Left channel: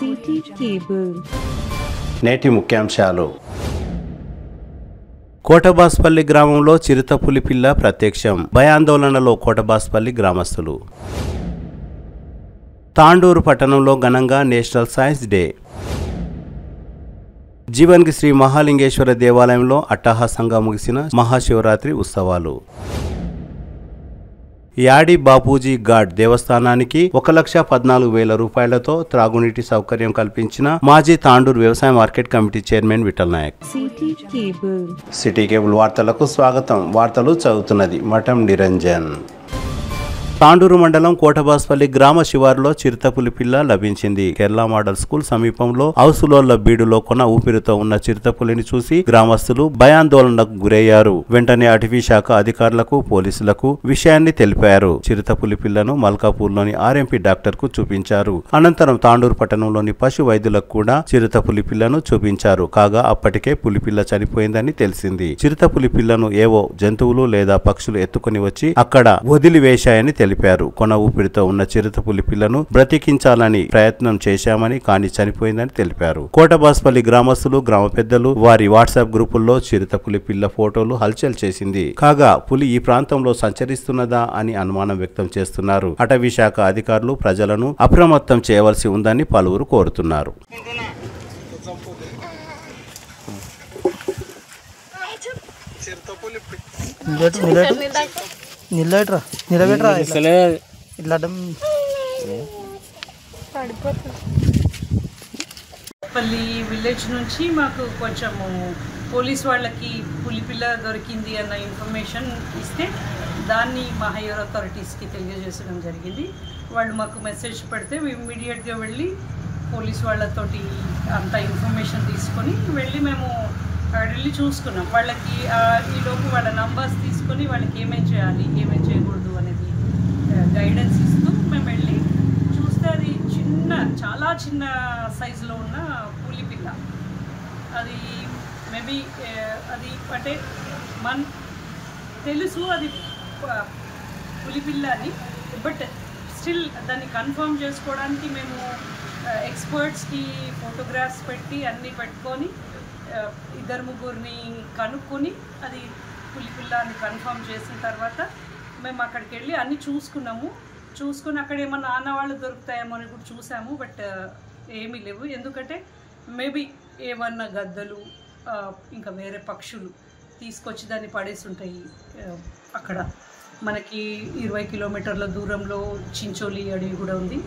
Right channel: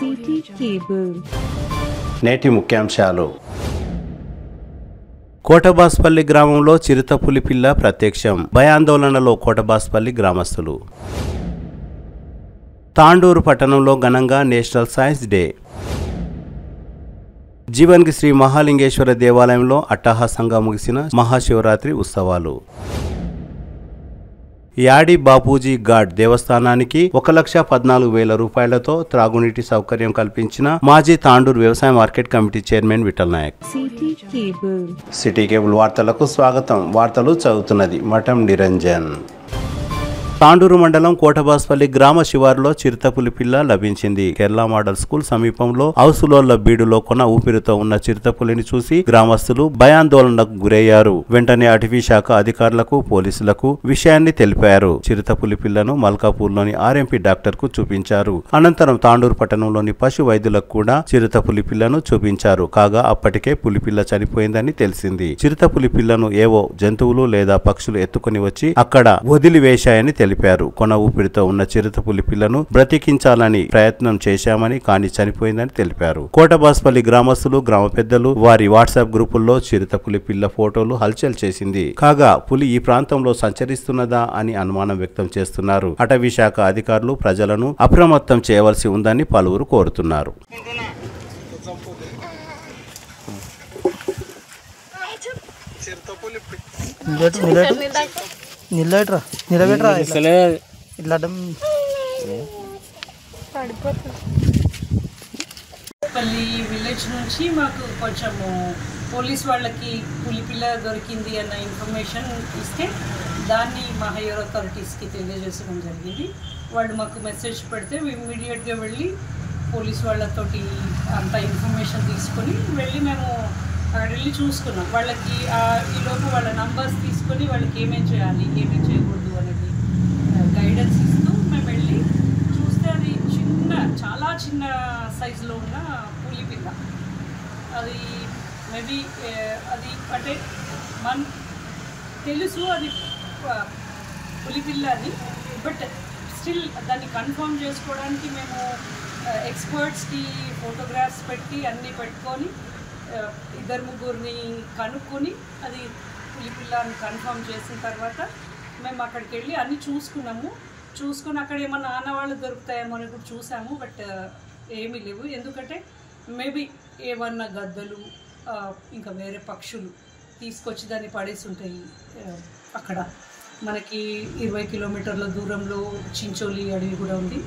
City cable. నేటి ముఖ్యాంశాలు. కోటబాస్పల్లి గ్రామంలో చిరుతపులి పిల్ల ప్రత్యక్షం. భయాందోళనలో కోటబాస్పల్లి గ్రామస్తులు. తాండూరు పట్టణంలో ఘనంగా నేషనల్ సైన్స్ డే. జీవన్కి శ్రీ మహాలింగేశ్వర దేవాలయంలో అట్టహాసంగా ముగిసిన మహాశివరాత్రి ఉత్సవాలు. యాడి బాపూజీ ఘాట్ దేవస్థానానికి 1,14,000 రూపాయలతో త్రాగునీటి సౌకర్యం కల్పించిన మాజీ తాండూరు వ్యవసాయ market committee chairman Vithal Naik. City cable వార్తలకు స్వాగతం. వార్తలు చదువుతున్నది మఠం నిరంజన్. తాండూరు మండలం కోటబాస్పల్లి గ్రామ శివారులో చిరుతపులి పిల్ల లభించింది. కేరళ మోడల్ స్కూల్ సమీపంలో హౌసులోళ్ల బీడులో కొన ఊపిరితో ఉన్న చిరుతపులిని చూసి గ్రామస్తులు భయాందోళనకు గురయ్యారు. వెంటనే అటవీ శాఖ అధికారులకు, పోలీసులకు విషయాన్ని తెలిపారు. చిరుతపులి పిల్లను మల్కాపూర్లోని ఆర్ఎంపీ డాక్టర్ కు చూపించారు. అనంతరం తాండూరు పట్టణంలోని పశు వైద్యులకు కూడా చిరుతపులి పిల్లను చూపించారు. కాగా అప్పటికే పులిపిల్ల చనిపోయిందని తెలిసింది. చిరుతపులి పిల్లను ఏవో జంతువులు లేదా పక్షులు ఎత్తుకుని వచ్చి అక్కడ వదిలివేశాయని తెలిపారు. కొన ఊపిరితో ఉన్న చిరుతపులి పిల్లను బ్రతికించాలని ప్రయత్నం చేశామని, కానీ చనిపోయిందని తెలిపారు. కోటబాస్పల్లి గ్రామస్తులు, గ్రామ పెద్దలు వారి వాట్సాప్ గ్రూపుల్లో చిరుతపులి పిల్ల ఫోటోలు హల్చల్ చేసింది. కాగా పులి ఈ ప్రాంతంలో సంచరిస్తున్నదా అని అనుమానం వ్యక్తం చేస్తున్నారు. అటవీ శాఖ అధికారులు ప్రజలను అప్రమత్తం చేయవలసి ఉందని పలువురు కోరుతున్నారు. పల్లి విలేజ్ నుంచి మాకు కొంచెము పోలీస్ వాళ్ళకి పులిపిల్ల దొరికింది అన్న ఇన్ఫర్మేషన్ ఇస్తే దాన్ని మా హైయర్ అథారిటీస్కి తెలియజేసడం జరిగింది. వాళ్ళు మాకు మెసేజ్ పెడితే ఇమ్మీడియట్గా వెళ్ళి పోలీస్ వాళ్ళతోటి అంత ఇన్ఫర్మేషన్ తీసుకొని వెళ్ళి మేము అక్కడ వెళ్ళి చూసుకున్నాం. వాళ్ళకి ఈలోపు వాళ్ళ నంబర్స్ తీసుకొని వాళ్ళకి ఏమేం చేయాలి, ఏమేం చేయకూడదు అనేది గైడెన్స్ ఇస్తూ మేము వెళ్ళి చూస్తే అది చాలా చిన్న సైజులో ఉన్న పులిపిల్ల. అది మేబీ అది అంటే తెలుసు అది పులిపిల్ల అని, బట్ స్టిల్ దాన్ని కన్ఫర్మ్ చేసుకోవడానికి మేము ఎక్స్పర్ట్స్కి ఫోటోగ్రాఫ్స్ పెట్టి అన్నీ పెట్టుకొని 2-3 కనుక్కొని అది పులిపిల్ల అని కన్ఫర్మ్ చేసిన తర్వాత మేము అక్కడికి వెళ్ళి అన్నీ చూసుకుని అక్కడ ఏమన్నా ఆనవాళ్ళు దొరుకుతాయేమో అని కూడా చూసాము. బట్ ఏమీ లేవు. ఎందుకంటే మేబీ ఏమన్నా గద్దలు ఇంకా వేరే పక్షులు తీసుకొచ్చి దాన్ని పడేసి ఉంటాయి. అక్కడ మనకి 20 కిలోమీటర్ల దూరంలో చించోలి అడవి కూడా ఉంది.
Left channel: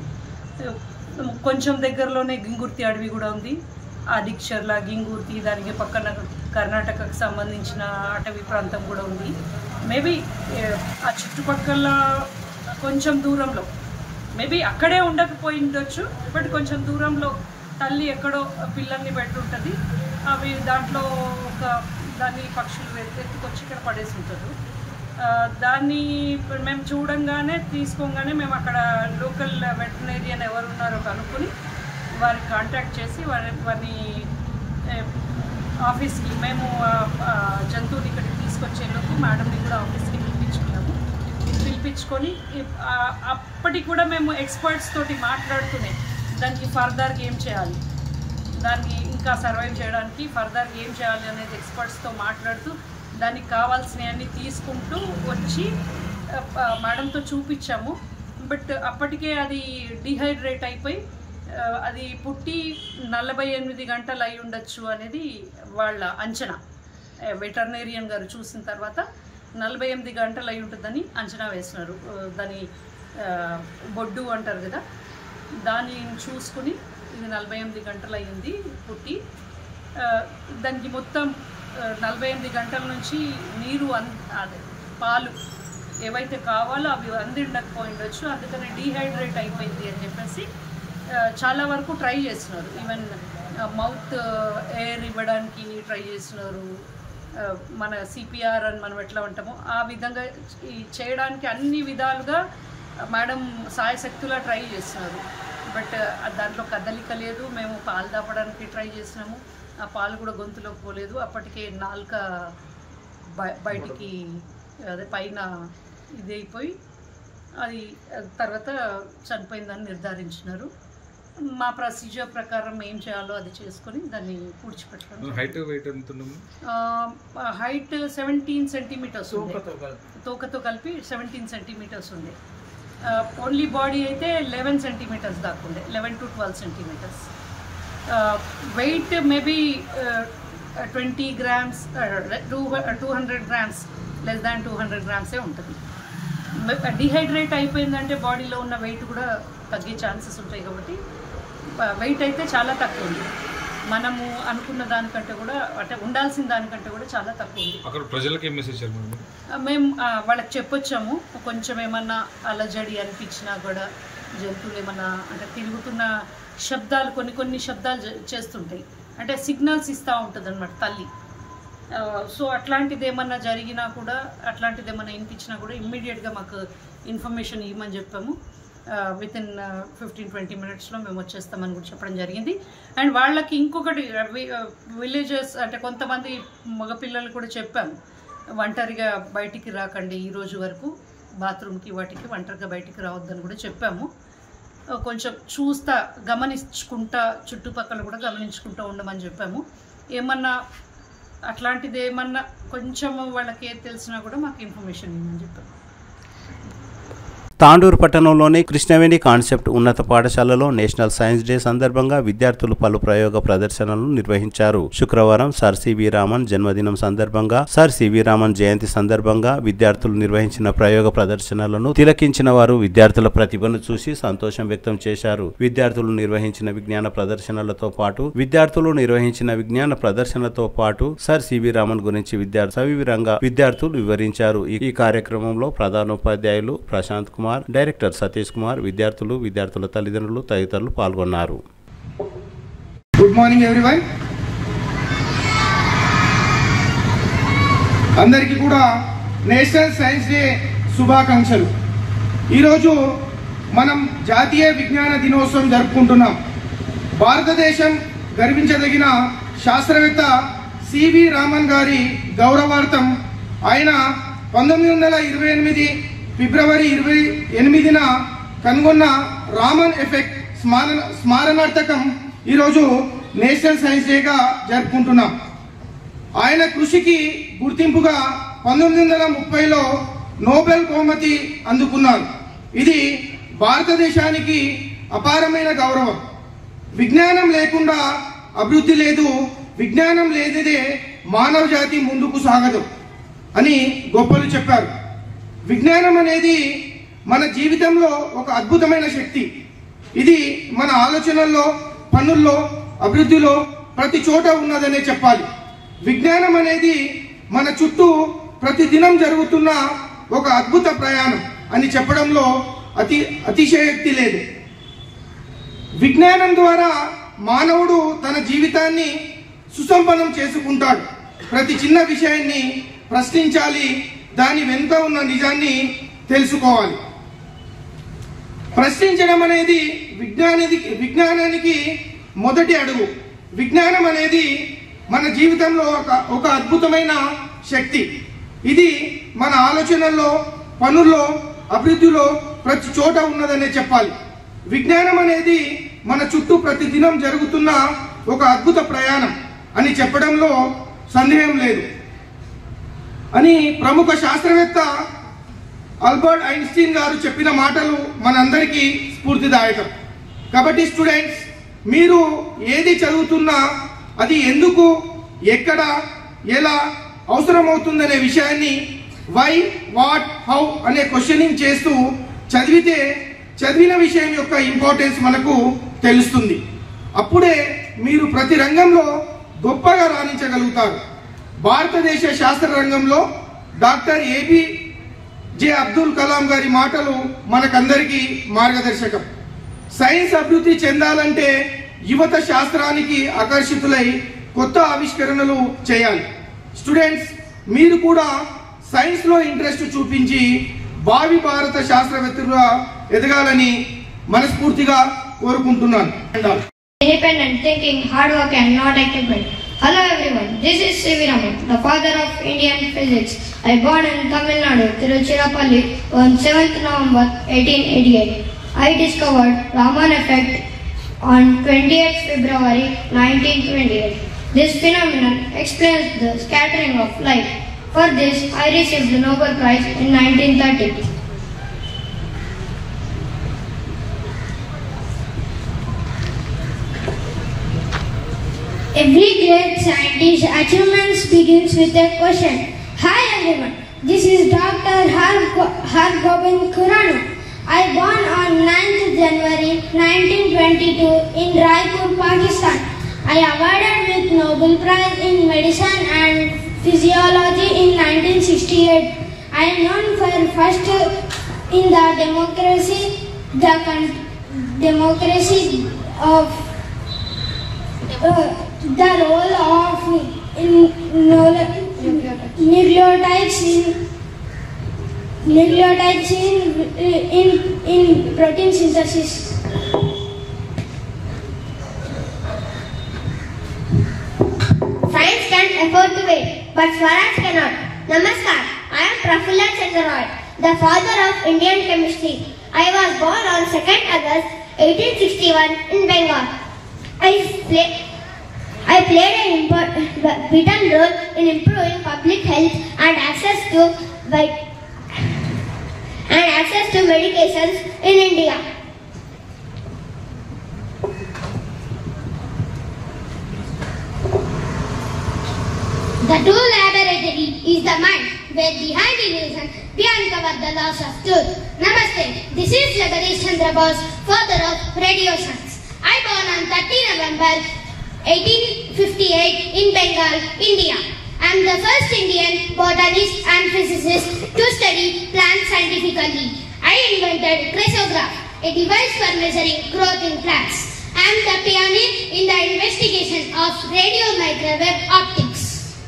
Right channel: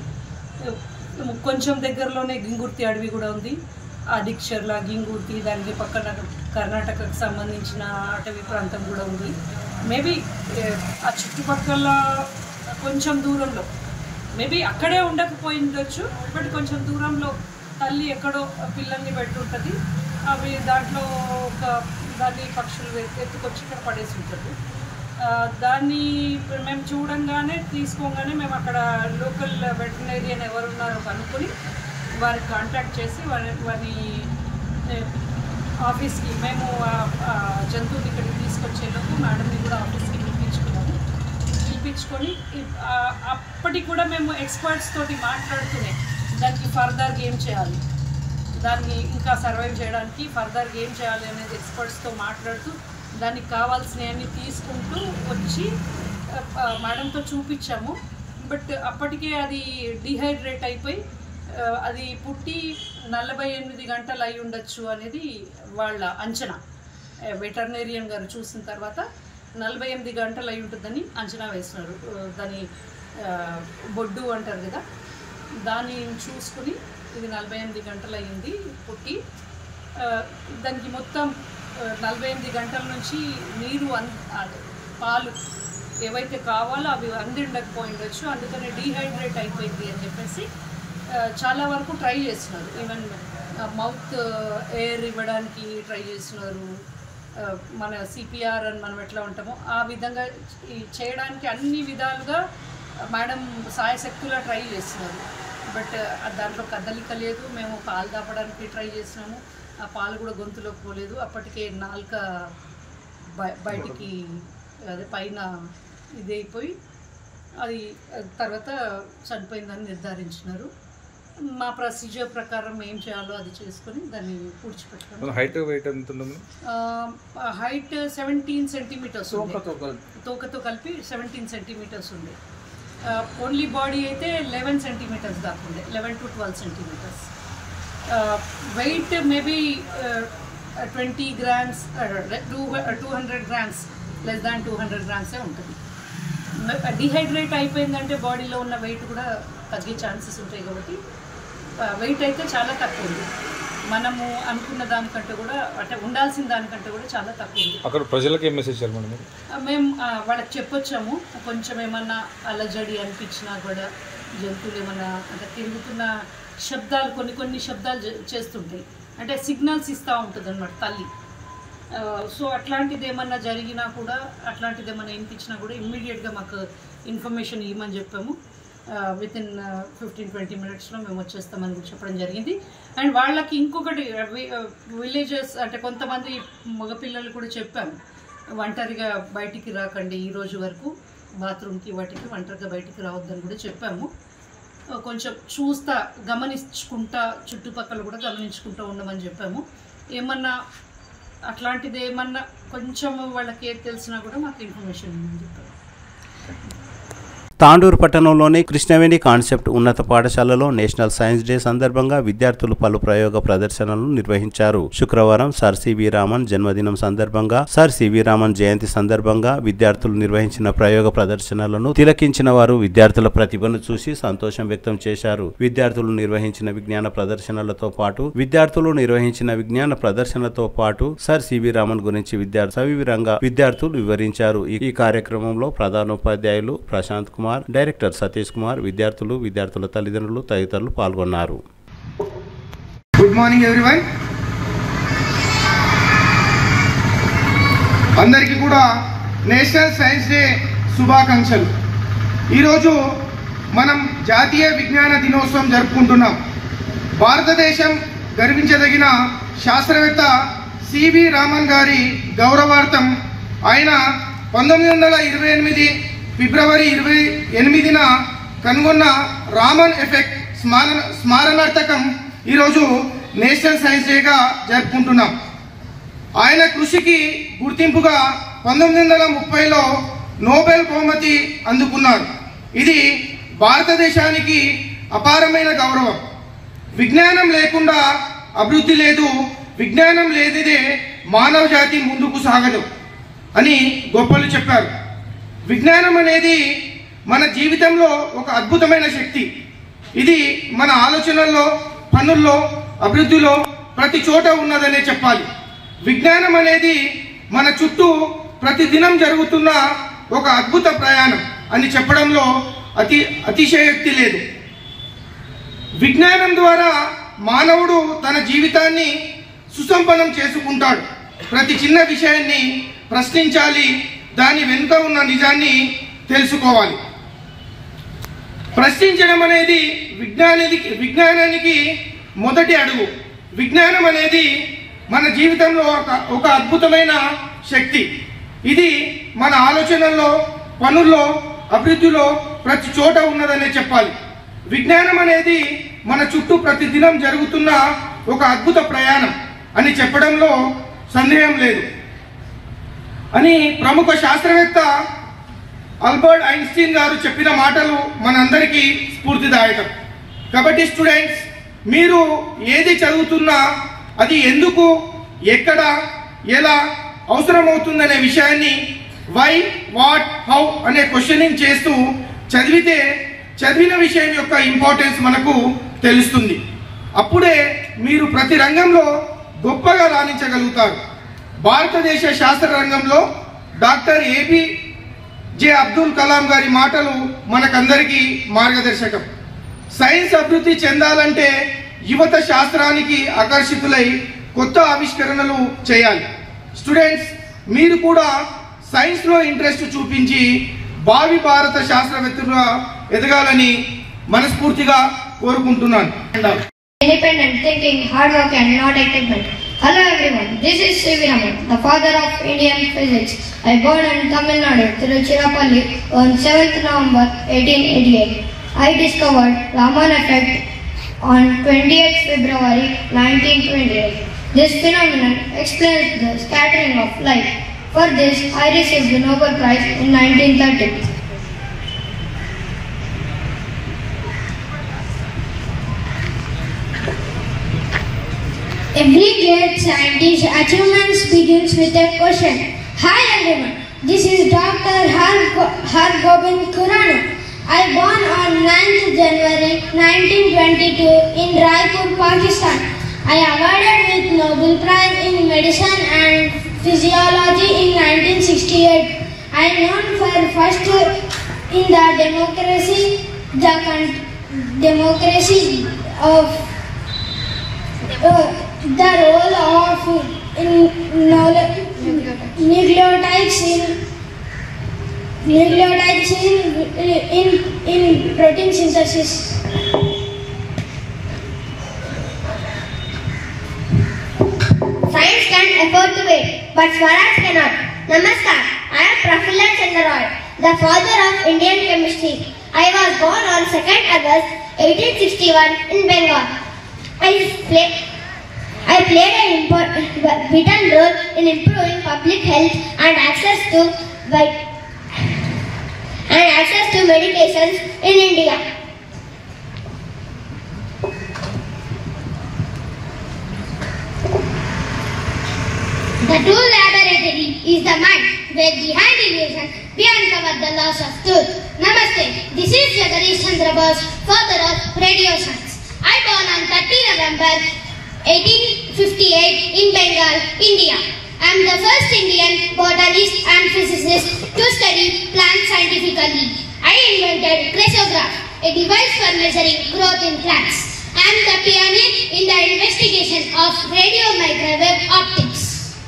కొంచెం దగ్గరలోనే గింగుర్తి అడవి కూడా ఉంది. అడిక్షర్ల, గింగుర్తి, దానికి పక్కన కర్ణాటకకు సంబంధించిన అటవీ ప్రాంతం కూడా ఉంది. మేబీ ఆ చుట్టుపక్కల కొంచెం దూరంలో మేబీ అక్కడే ఉండకపోయి ఉండొచ్చు. బట్ కొంచెం దూరంలో తల్లి ఎక్కడో పిల్లల్ని పెట్టుంటుంది. అవి దాంట్లో దాన్ని పక్షులు ఎత్తుకొచ్చి ఇక్కడ పడేసి ఉంటారు. దాన్ని మేము తీసుకోగానే మేము అక్కడ లోకల్ వెటర్నరీయన్ ఎవరు ఉన్నారో కనుక్కొని వారికి కాంటాక్ట్ చేసి వారిని ఆఫీస్కి మేము జంతువుని ఇక్కడికి తీసుకొచ్చేలోపు మేడంని కూడా ఆఫీస్కి పిలిపించుకొని అప్పటికి కూడా మేము ఎక్స్పర్ట్స్ తోటి మాట్లాడుతూనే దానికి ఫర్దర్గా ఏం చేయాలి, దాన్ని ఇంకా సర్వైవ్ చేయడానికి ఫర్దర్గా ఏం చేయాలి అనేది ఎక్స్పర్ట్స్తో మాట్లాడుతూ దానికి కావాల్సినవన్నీ తీసుకుంటూ వచ్చి మేడంతో చూపించాము. బట్ అప్పటికే అది డిహైడ్రేట్ అయిపోయి అది పుట్టి 48 గంటలు అయి ఉండొచ్చు అనేది వాళ్ళ అంచనా. వెటర్నరీయన్ గారు చూసిన తర్వాత 48 గంటలు అయి ఉంటుందని అంచనా వేసినారు. దాని బొడ్డు అంటారు కదా, దాన్ని చూసుకుని ఇది 48 గంటలు అయ్యింది పుట్టి. దానికి మొత్తం 48 గంటల నుంచి నీరు పాలు ఏవైతే కావాలో అవి ఉండకపోయిండొచ్చు. అందుకని డీహైడ్రేట్ అయిపోయింది అని చెప్పేసి చాలా వరకు ట్రై చేస్తున్నారు. ఈవెన్ మౌత్ ఎయిర్ ఇవ్వడానికి ట్రై చేస్తున్నారు. మన సిపిఆర్ అని మనం ఎట్లా ఉంటామో ఆ విధంగా చేయడానికి అన్ని విధాలుగా మేడం సాయశక్తులా ట్రై చేస్తున్నారు. బట్ దాంట్లో కదలిక లేదు. మేము పాలు దాపడానికి ట్రై చేసినాము, ఆ పాలు కూడా గొంతులోకి పోలేదు. అప్పటికే నాలుక బయటికి అదే పైన ఇదైపోయి అది తర్వాత చనిపోయిందని నిర్ధారించినారు. మా ప్రొసీజర్ ప్రకారం ఏం చేయాలో అది చేసుకొని దాన్ని పూడ్చిపెట్టాము. హైట్ వెయిట్ ఎంత ఉంటుంది? హైట్ 17 సెంటీమీటర్స్ ఉంది, తోకతో కలిపి 17 సెంటీమీటర్స్ ఉండే. ఓన్లీ బాడీ అయితే 11 సెంటీమీటర్స్ దాకా ఉండే, 11 to 12 centimetres. Weight maybe 20 grams, 200 grams, less than 200 grams ఉంటుంది. డిహైడ్రేట్ అయిపోయిందంటే బాడీలో ఉన్న వెయిట్ కూడా తగ్గే ఛాన్సెస్ ఉంటాయి. కాబట్టి వెయిట్ అయితే చాలా తక్కువ ఉంది, మనము అనుకున్న దానికంటే కూడా, అంటే ఉండాల్సిన దానికంటే కూడా చాలా తక్కువ ఉంది. అక్కడ ప్రజలకు ఏం మెసేజ్ చేయాలి? మేము వాళ్ళకి చెప్పొచ్చాము, కొంచెం ఏమన్నా అలజడి అనిపించినా కూడా, జంతువులు ఏమన్నా అంటే తిరుగుతున్న శబ్దాలు, కొన్ని శబ్దాలు చేస్తుంటాయి, అంటే సిగ్నల్స్ ఇస్తూ ఉంటుంది అన్నమాట తల్లి. సో అట్లాంటిది ఏమన్నా జరిగినా కూడా, అట్లాంటిది ఏమన్నా వినిపించినా కూడా ఇమ్మీడియట్గా మాకు ఇన్ఫర్మేషన్ ఇవ్వమని చెప్పాము. వితిన్ 15-20 minutesలో మేము వచ్చేస్తామని కూడా చెప్పడం జరిగింది. అండ్ వాళ్ళకి ఇంకొకటి, విలేజెస్ అంటే కొంతమంది మగపిల్లలు కూడా చెప్పాము, ఒంటరిగా బయటికి రాకండి, ఈ రోజు వరకు బాత్రూమ్కి వాటికి ఒంటరిగా బయటికి రావద్దని కూడా చెప్పాము. కొంచెం గమనించుకుంటా, చుట్టుపక్కల కూడా గమనించుకుంటూ ఉండమని చెప్పాము. ఏమన్నా అట్లాంటిది ఏమన్నా కొంచెం వాళ్ళకి ఏది తెలిసినా కూడా మాకు ఇన్ఫర్మేషన్ ఇవ్వమని చెప్పాము. తాండూరు పట్టణంలోని కృష్ణవేణి కాన్సెప్ట్ ఉన్నత పాఠశాలలో నేషనల్ సైన్స్ డే సందర్భంగా విద్యార్థులు పలు ప్రయోగ ప్రదర్శనలు నిర్వహించారు. శుక్రవారం సర్ సివి రామన్ జన్మదినం సందర్భంగా, సర్ సివి రామన్ జయంతి సందర్భంగా విద్యార్థులు నిర్వహించిన ప్రయోగ ప్రదర్శనలను తిలకించిన వారు విద్యార్థుల ప్రతిభను చూసి సంతోషం వ్యక్తం చేశారు. విద్యార్థులు నిర్వహించిన విజ్ఞాన ప్రదర్శనలతో పాటు సర్ సివి రామన్ గురించి సవివరంగా విద్యార్థులు వివరించారు. ఈ కార్యక్రమంలో ప్రధానోపాధ్యాయులు ప్రశాంత్ కుమార్, డైరెక్టర్ సతీష్ కుమార్, విద్యార్థుల తల్లిదండ్రులు తదితరులు పాల్గొన్నారు. Good morning everyone. అందరికీ కూడా నేషనల్ సైన్స్ డే శుభాకాంక్షలు. ఈరోజు మనం జాతీయ విజ్ఞాన దినోత్సవం జరుపుకుంటున్నాం. భారతదేశం గర్వించదగిన శాస్త్రవేత్త సివి రామన్ గారి గౌరవార్థం ఆయన 1928 ఫిబ్రవరి 28న కనుగొన్న రామన్ ఎఫెక్ట్ స్మారణార్థకం ఈరోజు నేషనల్ సైన్స్ డేగా జరుపుకుంటున్నాం. ఆయన కృషికి గుర్తింపుగా 1930లో నోబెల్ బహుమతి అందుకున్నారు. ఇది భారతదేశానికి అపారమైన గౌరవం. విజ్ఞానం లేకుండా అభివృద్ధి లేదు, విజ్ఞానం లేనిదే మానవ జాతి ముందుకు సాగదు అని గొప్పలు చెప్పారు. విజ్ఞానం అనేది మన జీవితంలో ఒక అద్భుతమైన శక్తి. ఇది మన ఆలోచనల్లో, పనుల్లో, అభివృద్ధిలో ప్రతి చోట ఉన్నదనే చెప్పాలి. విజ్ఞానం అనేది మన చుట్టూ ప్రతిదినం జరుగుతున్న ఒక అద్భుత ప్రయాణం అని చెప్పడంలో అతిశయోక్తి లేదు. విజ్ఞానం ద్వారా మానవుడు తన జీవితాన్ని సుసంపన్నం చేసుకుంటాడు. ప్రతి చిన్న విషయాన్ని ప్రశ్నించాలి, దాని వెనుక ఉన్న నిజాన్ని తెలుసుకోవాలి. ప్రశ్నించడం అనేది విజ్ఞానానికి మొదటి అడుగు. విజ్ఞానం అనేది మన జీవితంలో ఒక అద్భుతమైన శక్తి. ఇది మన ఆలోచనల్లో, పనుల్లో, అభివృద్ధిలో ప్రతి చోట ఉన్నదనే చెప్పాలి. విజ్ఞానం అనేది మన చుట్టూ ప్రతిదినం జరుగుతున్న ఒక అద్భుత ప్రయాణం అని చెప్పడంలో సందేహం లేదు అని ప్రముఖ శాస్త్రవేత్త ఆల్బర్ట్ ఐన్స్టీన్ గారు చెప్పిన మాటలు మనందరికీ స్ఫూర్తిదాయకం. కాబట్టి స్టూడెంట్స్, మీరు ఏది చదువుతున్నా అది ఎందుకు, ఎక్కడ, ఎలా అవసరమవుతుందనే విషయాన్ని వై, వాట్, హౌ అనే క్వశ్చనింగ్ చేస్తూ చదివితే చదివిన విషయం యొక్క ఇంపార్టెన్స్ మనకు తెలుస్తుంది. అప్పుడే మీరు ప్రతి రంగంలో గొప్పగా రాణించగలుగుతారు. భారతదేశ శాస్త్ర రంగంలో డాక్టర్ APJ అబ్దుల్ కలాం గారి మాటలు మనకందరికీ మార్గదర్శకం. సైన్స్ అభివృద్ధి చెందాలంటే యువత శాస్త్రానికి ఆకర్షితులై కొత్త ఆవిష్కరణలు చేయాలి. స్టూడెంట్స్, మీరు కూడా సైన్స్ లో ఇంట్రెస్ట్ చూపించి భావి భారత శాస్త్రవేత్తలుగా ఎదగాలని మనస్ఫూర్తిగా కోరుకుంటున్నాను. Independent thinking, hard work and not activement. Hello everyone, this is C.V. Raman, the father of Indian physics. I born in Tamil Nadu, Tiruchirappalli on 7th November 1888. I discovered Raman effect on 28th February 1928. This phenomenon explains the scattering of light. For this, I received the Nobel Prize in 1930. Every great scientist's achievements begins with a question. Hi everyone, this is Dr. Hargobind Khurana. I born on 9th January 1922 in Raipur, Pakistan. I awarded with Nobel Prize in Medicine and Physiology in 1968. I am known for first in the democracy of the role of nucleotides in protein synthesis. Science can afford to wait, but Swaraj cannot. Namaskar, I am Prafullan Chandra Roy, the father of Indian chemistry. I was born on 2nd August 1861 in Bengal. I played a vital role in improving public health and access to medications in India. The true laboratory is the mind, where behind illusion we uncover the laws of truth. Namaste, this is Jagadish Chandra Bose, father of radio science. I born on 30 November 1858 in Bengal, India. I am the first Indian botanist and physicist to study plants scientifically. I invented cresograph, a device for measuring growth in plants. I am the pioneer in the investigation of radio microwave optics.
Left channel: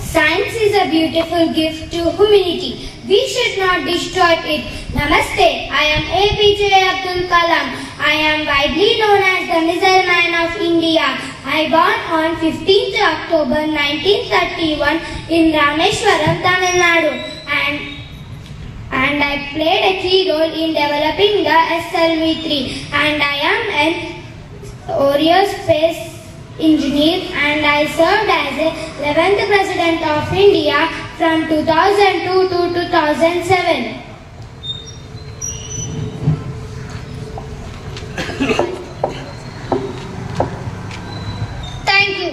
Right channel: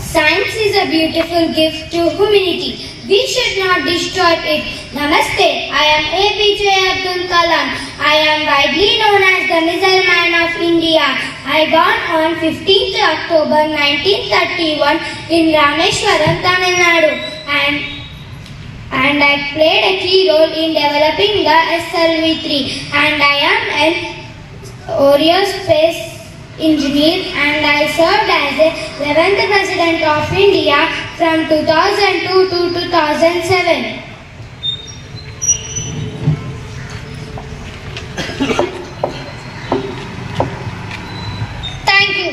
Science is a beautiful gift to humanity. We should not destroy it. Namaste, I am APJ Abdul Kalam. I am widely known as the Missile Man of India. I born on 15th October 1931 in Rameshwaram, Tamil Nadu. And I played a key role in developing the SLV-3. And I am an aerospace engineer, and I served as the 11th President of India from 2002 to 2007. Thank you.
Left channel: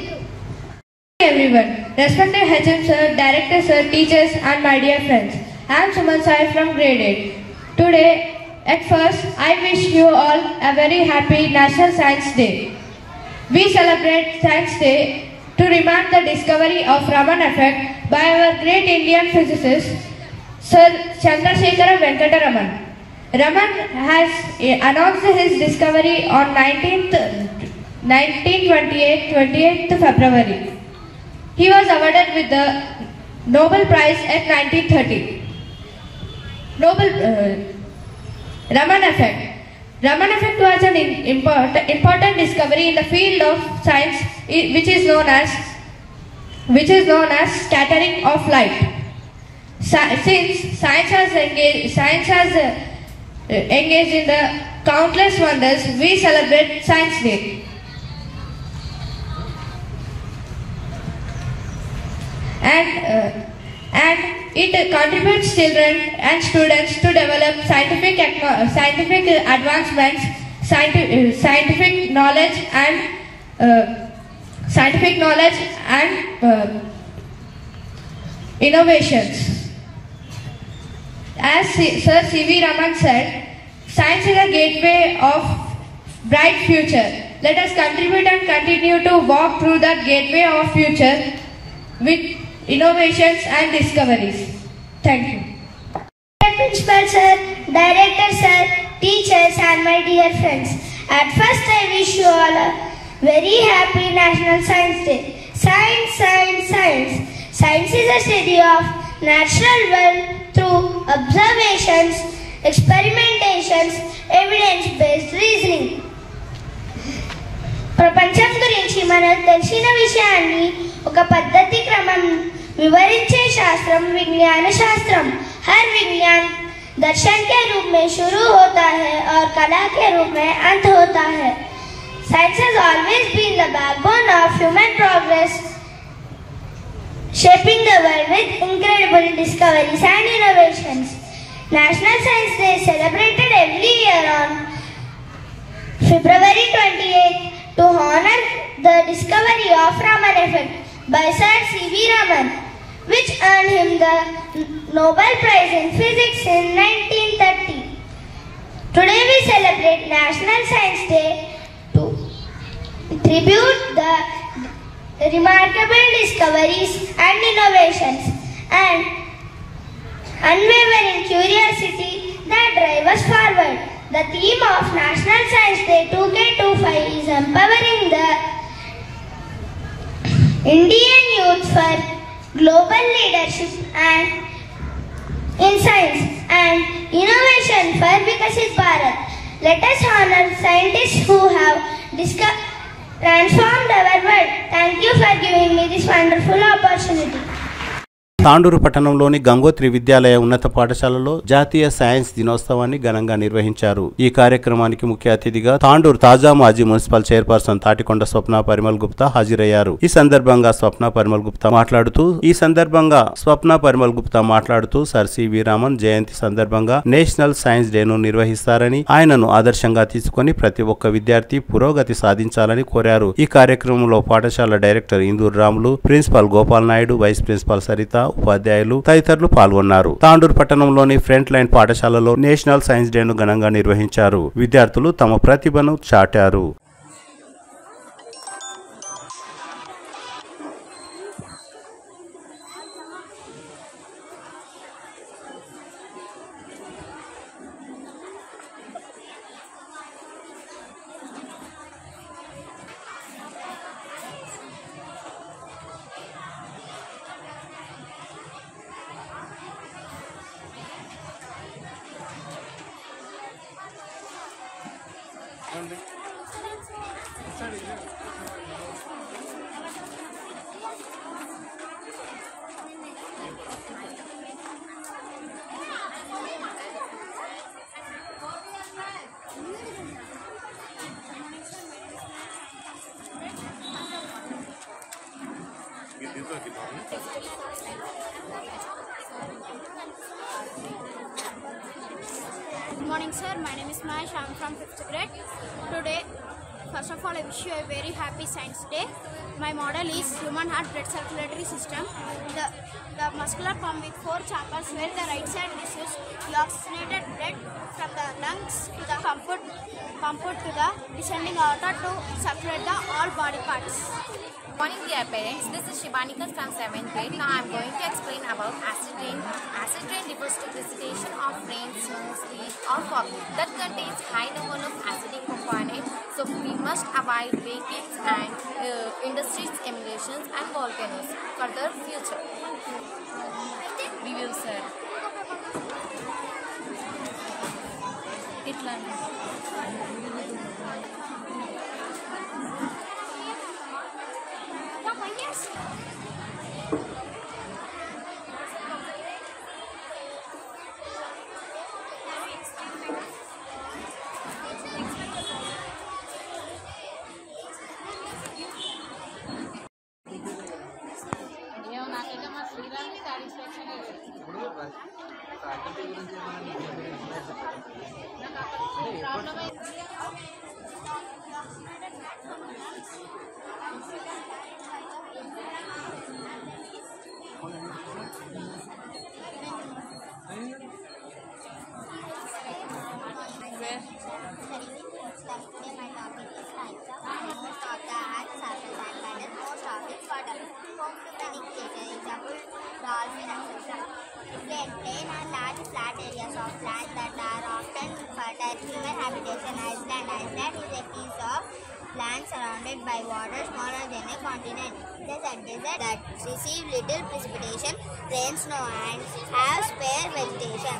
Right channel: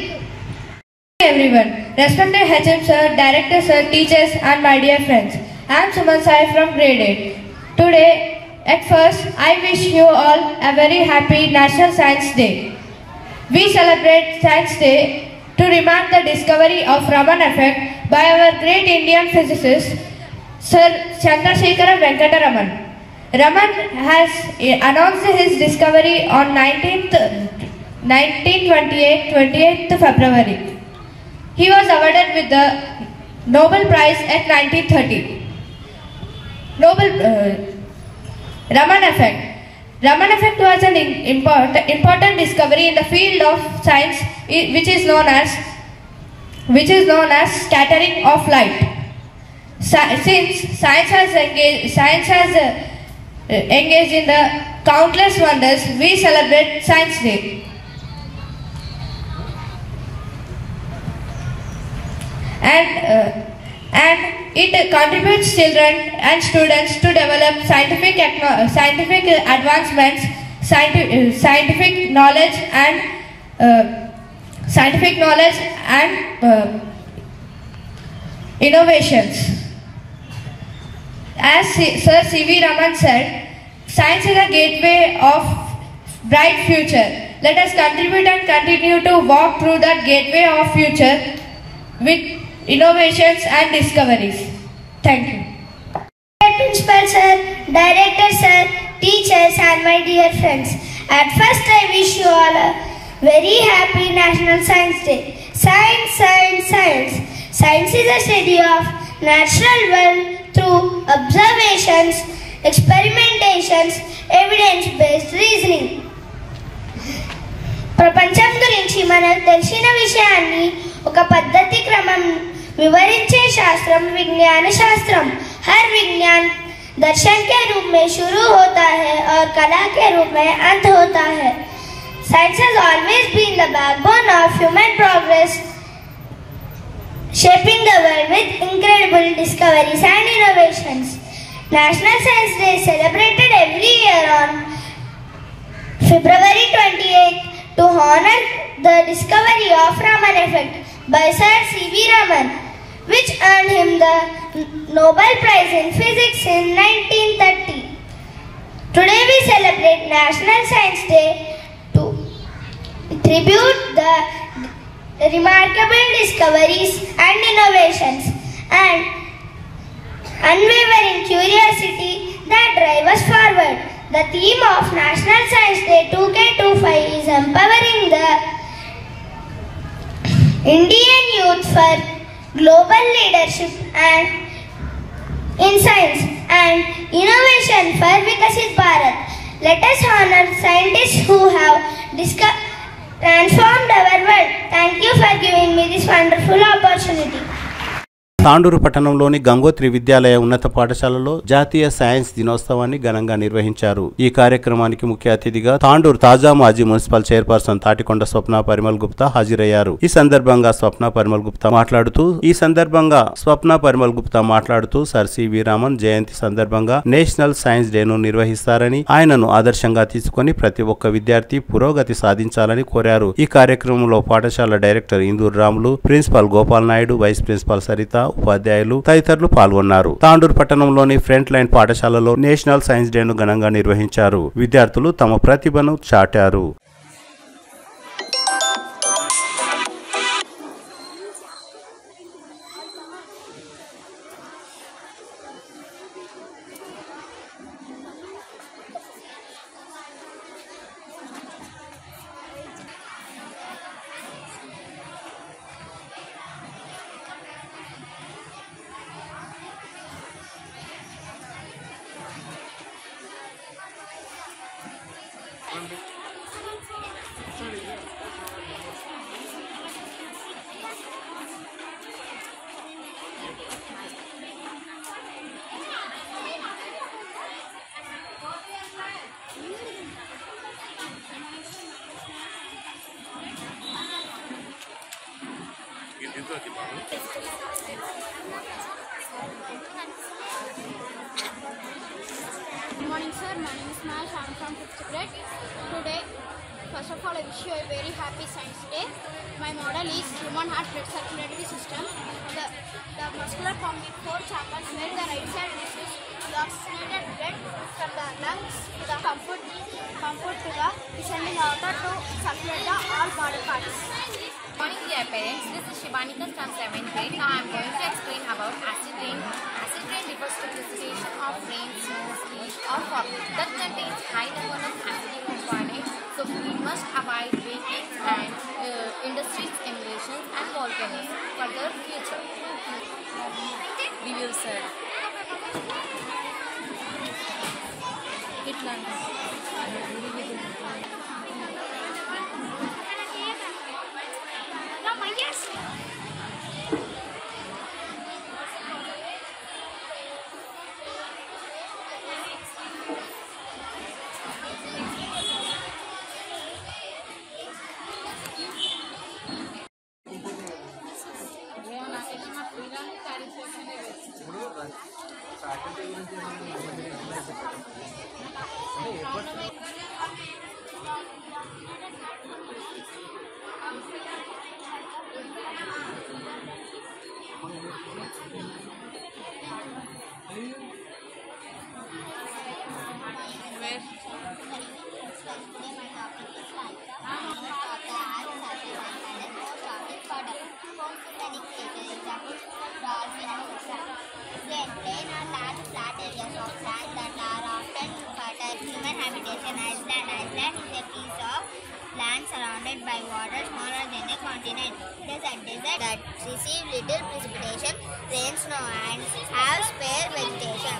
Everyone, respected HM sir, director sir, teachers and my dear friends. I am Suman Sai from grade 8. Today, at first, I wish you all a very happy National Science Day. We celebrate Science Day to remark the discovery of Raman effect by our great Indian physicist, Sir Chandrasekhara Venkata Raman. Raman has announced his discovery on 28th February. He was awarded with the Nobel Prize at 1930. Raman effect. Raman effect was an important discovery in the field of science, which is known as scattering of light. Since science has engaged in the countless wonders, we celebrate Science Day. And it contributes children and students to develop scientific advancements, scientific knowledge and innovations. As Sir C.V. Raman said, science is a gateway of bright future. Let us contribute and continue to walk through that gateway of future with innovations and discoveries. Thank you. Principal sir, director sir, teachers and my dear friends. At first I wish you all a very happy National Science Day. Science, science, science. Science is a study of natural world through observations, experimentations, evidence-based reasoning. ప్రపంచం గురించి మనకు తెలిసిన విషయాన్ని ఒక పద్ధతి క్రమం వివరించే శాస్త్రం విజ్ఞాన శాస్త్రం. हर विज्ञान द दर्शन के रूप में शुरू होता है और कला के रूप में अंत होता है. Science has always been the backbone of human progress, shaping the world with incredible discoveries and innovations. National Science Day is celebrated every year on February 28th to honor the discovery of Raman effect by Sir C.V. Raman, which earned him the Nobel Prize in Physics in 1930. Today we celebrate National Science Day to tribute the remarkable discoveries and innovations and unwavering curiosity that drive us forward. The theme of National Science Day 2K25 is empowering the Indian youth for global leadership and in science and innovation for Vikasit Bharat. Let us honor scientists who have transformed our world. Thank you for giving me this wonderful opportunity. Tandur పట్టణంలోని గంగోత్రి విద్యాలయ ఉన్నత పాఠశాలలో జాతీయ science దినోత్సవాన్ని ఘనంగా నిర్వహించారు. ఈ కార్యక్రమానికి ముఖ్య అతిథిగా తాండూరు తాజా మాజీ మున్సిపల్ చైర్పర్సన్ తాటికొండ స్వప్న పరిమల్ గుప్తా హాజరయ్యారు. ఈ సందర్భంగా స్వప్న పరిమల్ గుప్తా మాట్లాడుతూ సర్ సివి రామన్ జయంతి సందర్భంగా నేషనల్ సైన్స్ డేను నిర్వహిస్తారని, ఆయనను ఆదర్శంగా తీసుకుని ప్రతి ఒక్క విద్యార్థి పురోగతి సాధించాలని కోరారు. ఈ కార్యక్రమంలో పాఠశాల director Induru Ramulu, principal Gopal Naidu, vice principal Saritha, ఉపాధ్యాయులు తదితరులు పాల్గొన్నారు. తాండూరు పట్టణంలోని ఫ్రంట్ లైన్ పాఠశాలలో నేషనల్ సైన్స్ డేను ఘనంగా నిర్వహించారు. విద్యార్థులు తమ ప్రతిభను చాటారు. Good morning, sir. My name is Mahesh. I am from 5th grade. Today, first of all, I wish you a very happy Science Day. My model is human heart blood circulatory system. The muscular pump with 4 chambers, where the right side receives the oxygenated blood from the lungs to the pumped to the descending aorta to circulate the all body parts. Good morning, dear parents. This is Shivanika from 7th grade. Now I am going to explain about acid rain. Acid rain refers to precipitation of rain, snow, sleet or fog that contains high number of acidic components. So we must avoid vehicles and industries, emulations and volcanoes for the future. We will sir. Dolphin, etc. They contain on large flat areas of land that are often fertile human habitation. Iceland is a piece of land surrounded by water smaller than a continent. It is a desert that receives little precipitation, rain, snow, and has spare vegetation.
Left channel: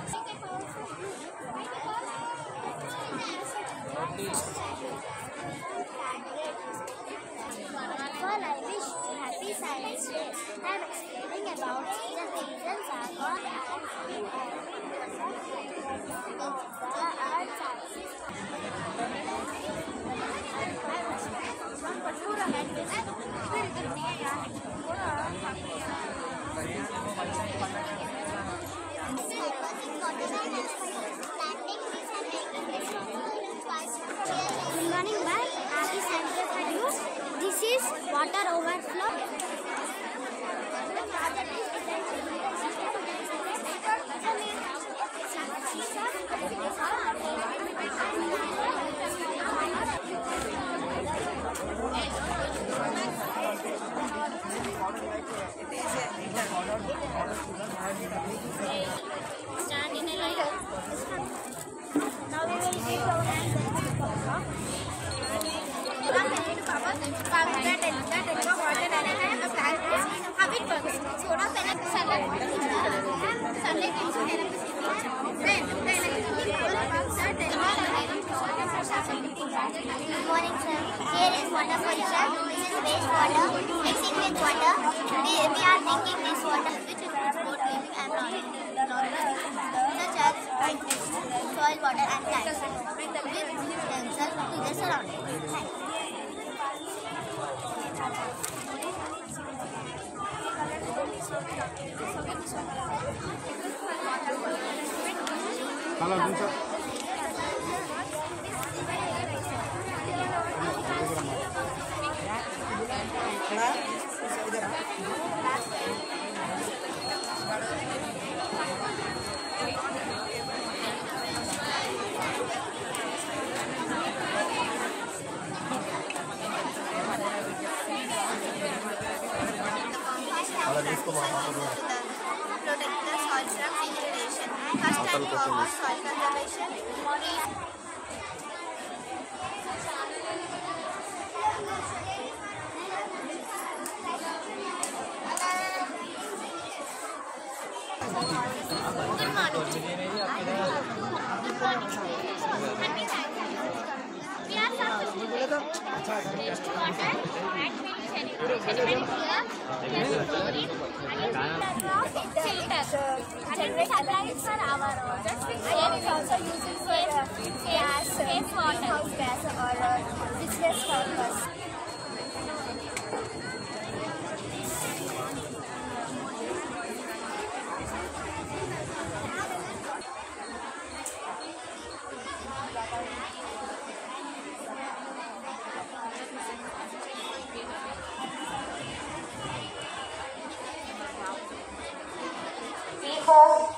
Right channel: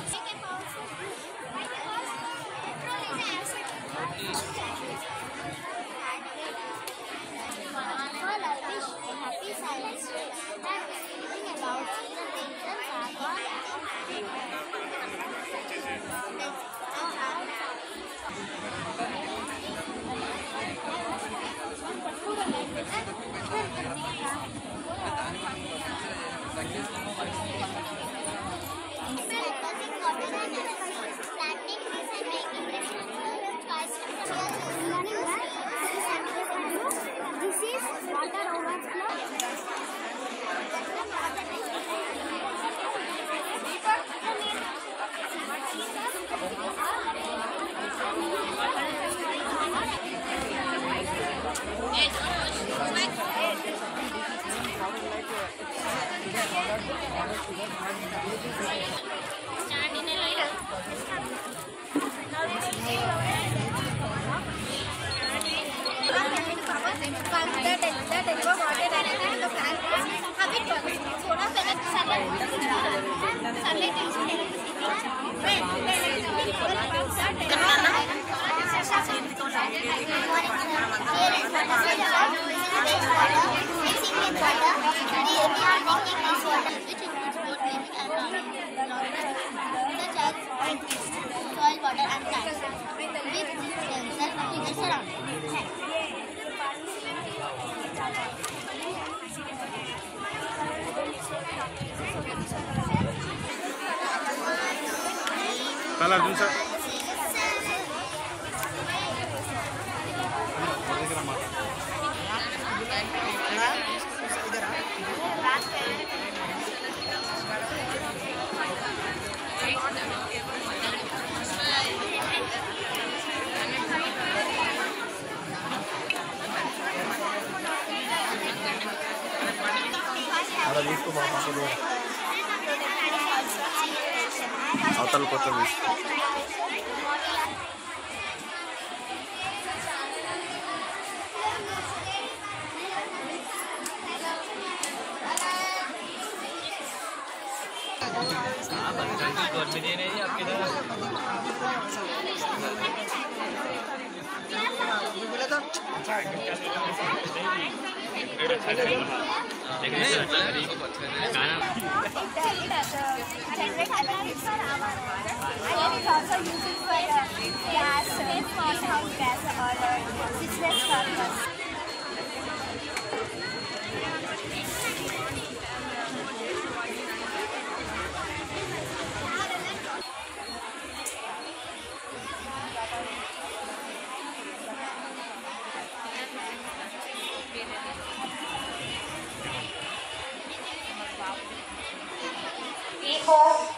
We hope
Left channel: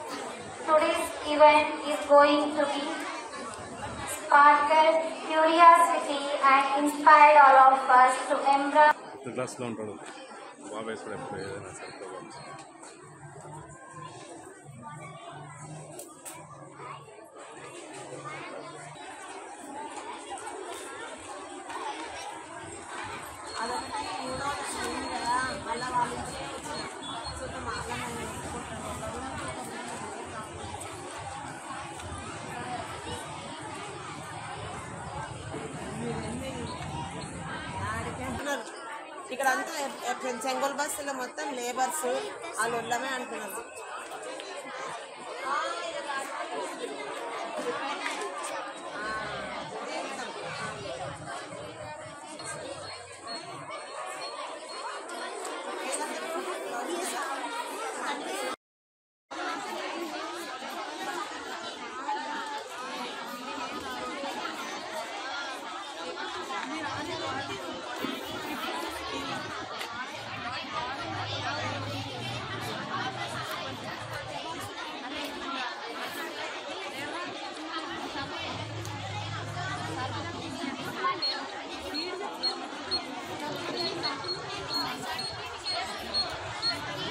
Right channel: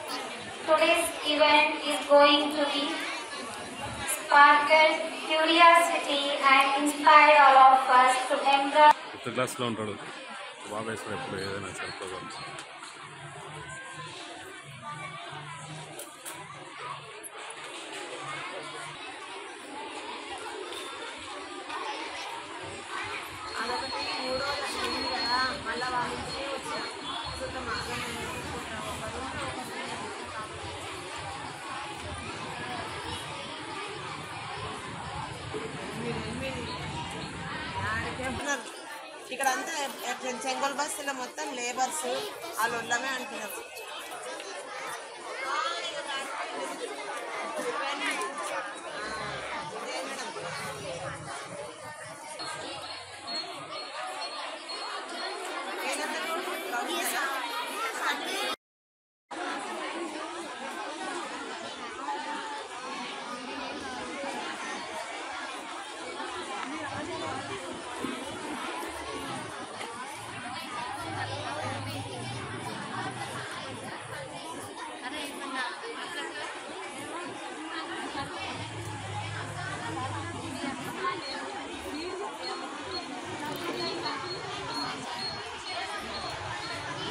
today's event is going to be sparked curiosity and inspired all of us to embrace. క్లాస్లో ఉంటాడు బాగా వేసినప్పుడు ఏదైనా సరిపోవాలి. ఇక్కడ అంతా చెంగోల్ బస్సులో మొత్తం labours వాళ్ళు ఉండమే అంటున్నారు.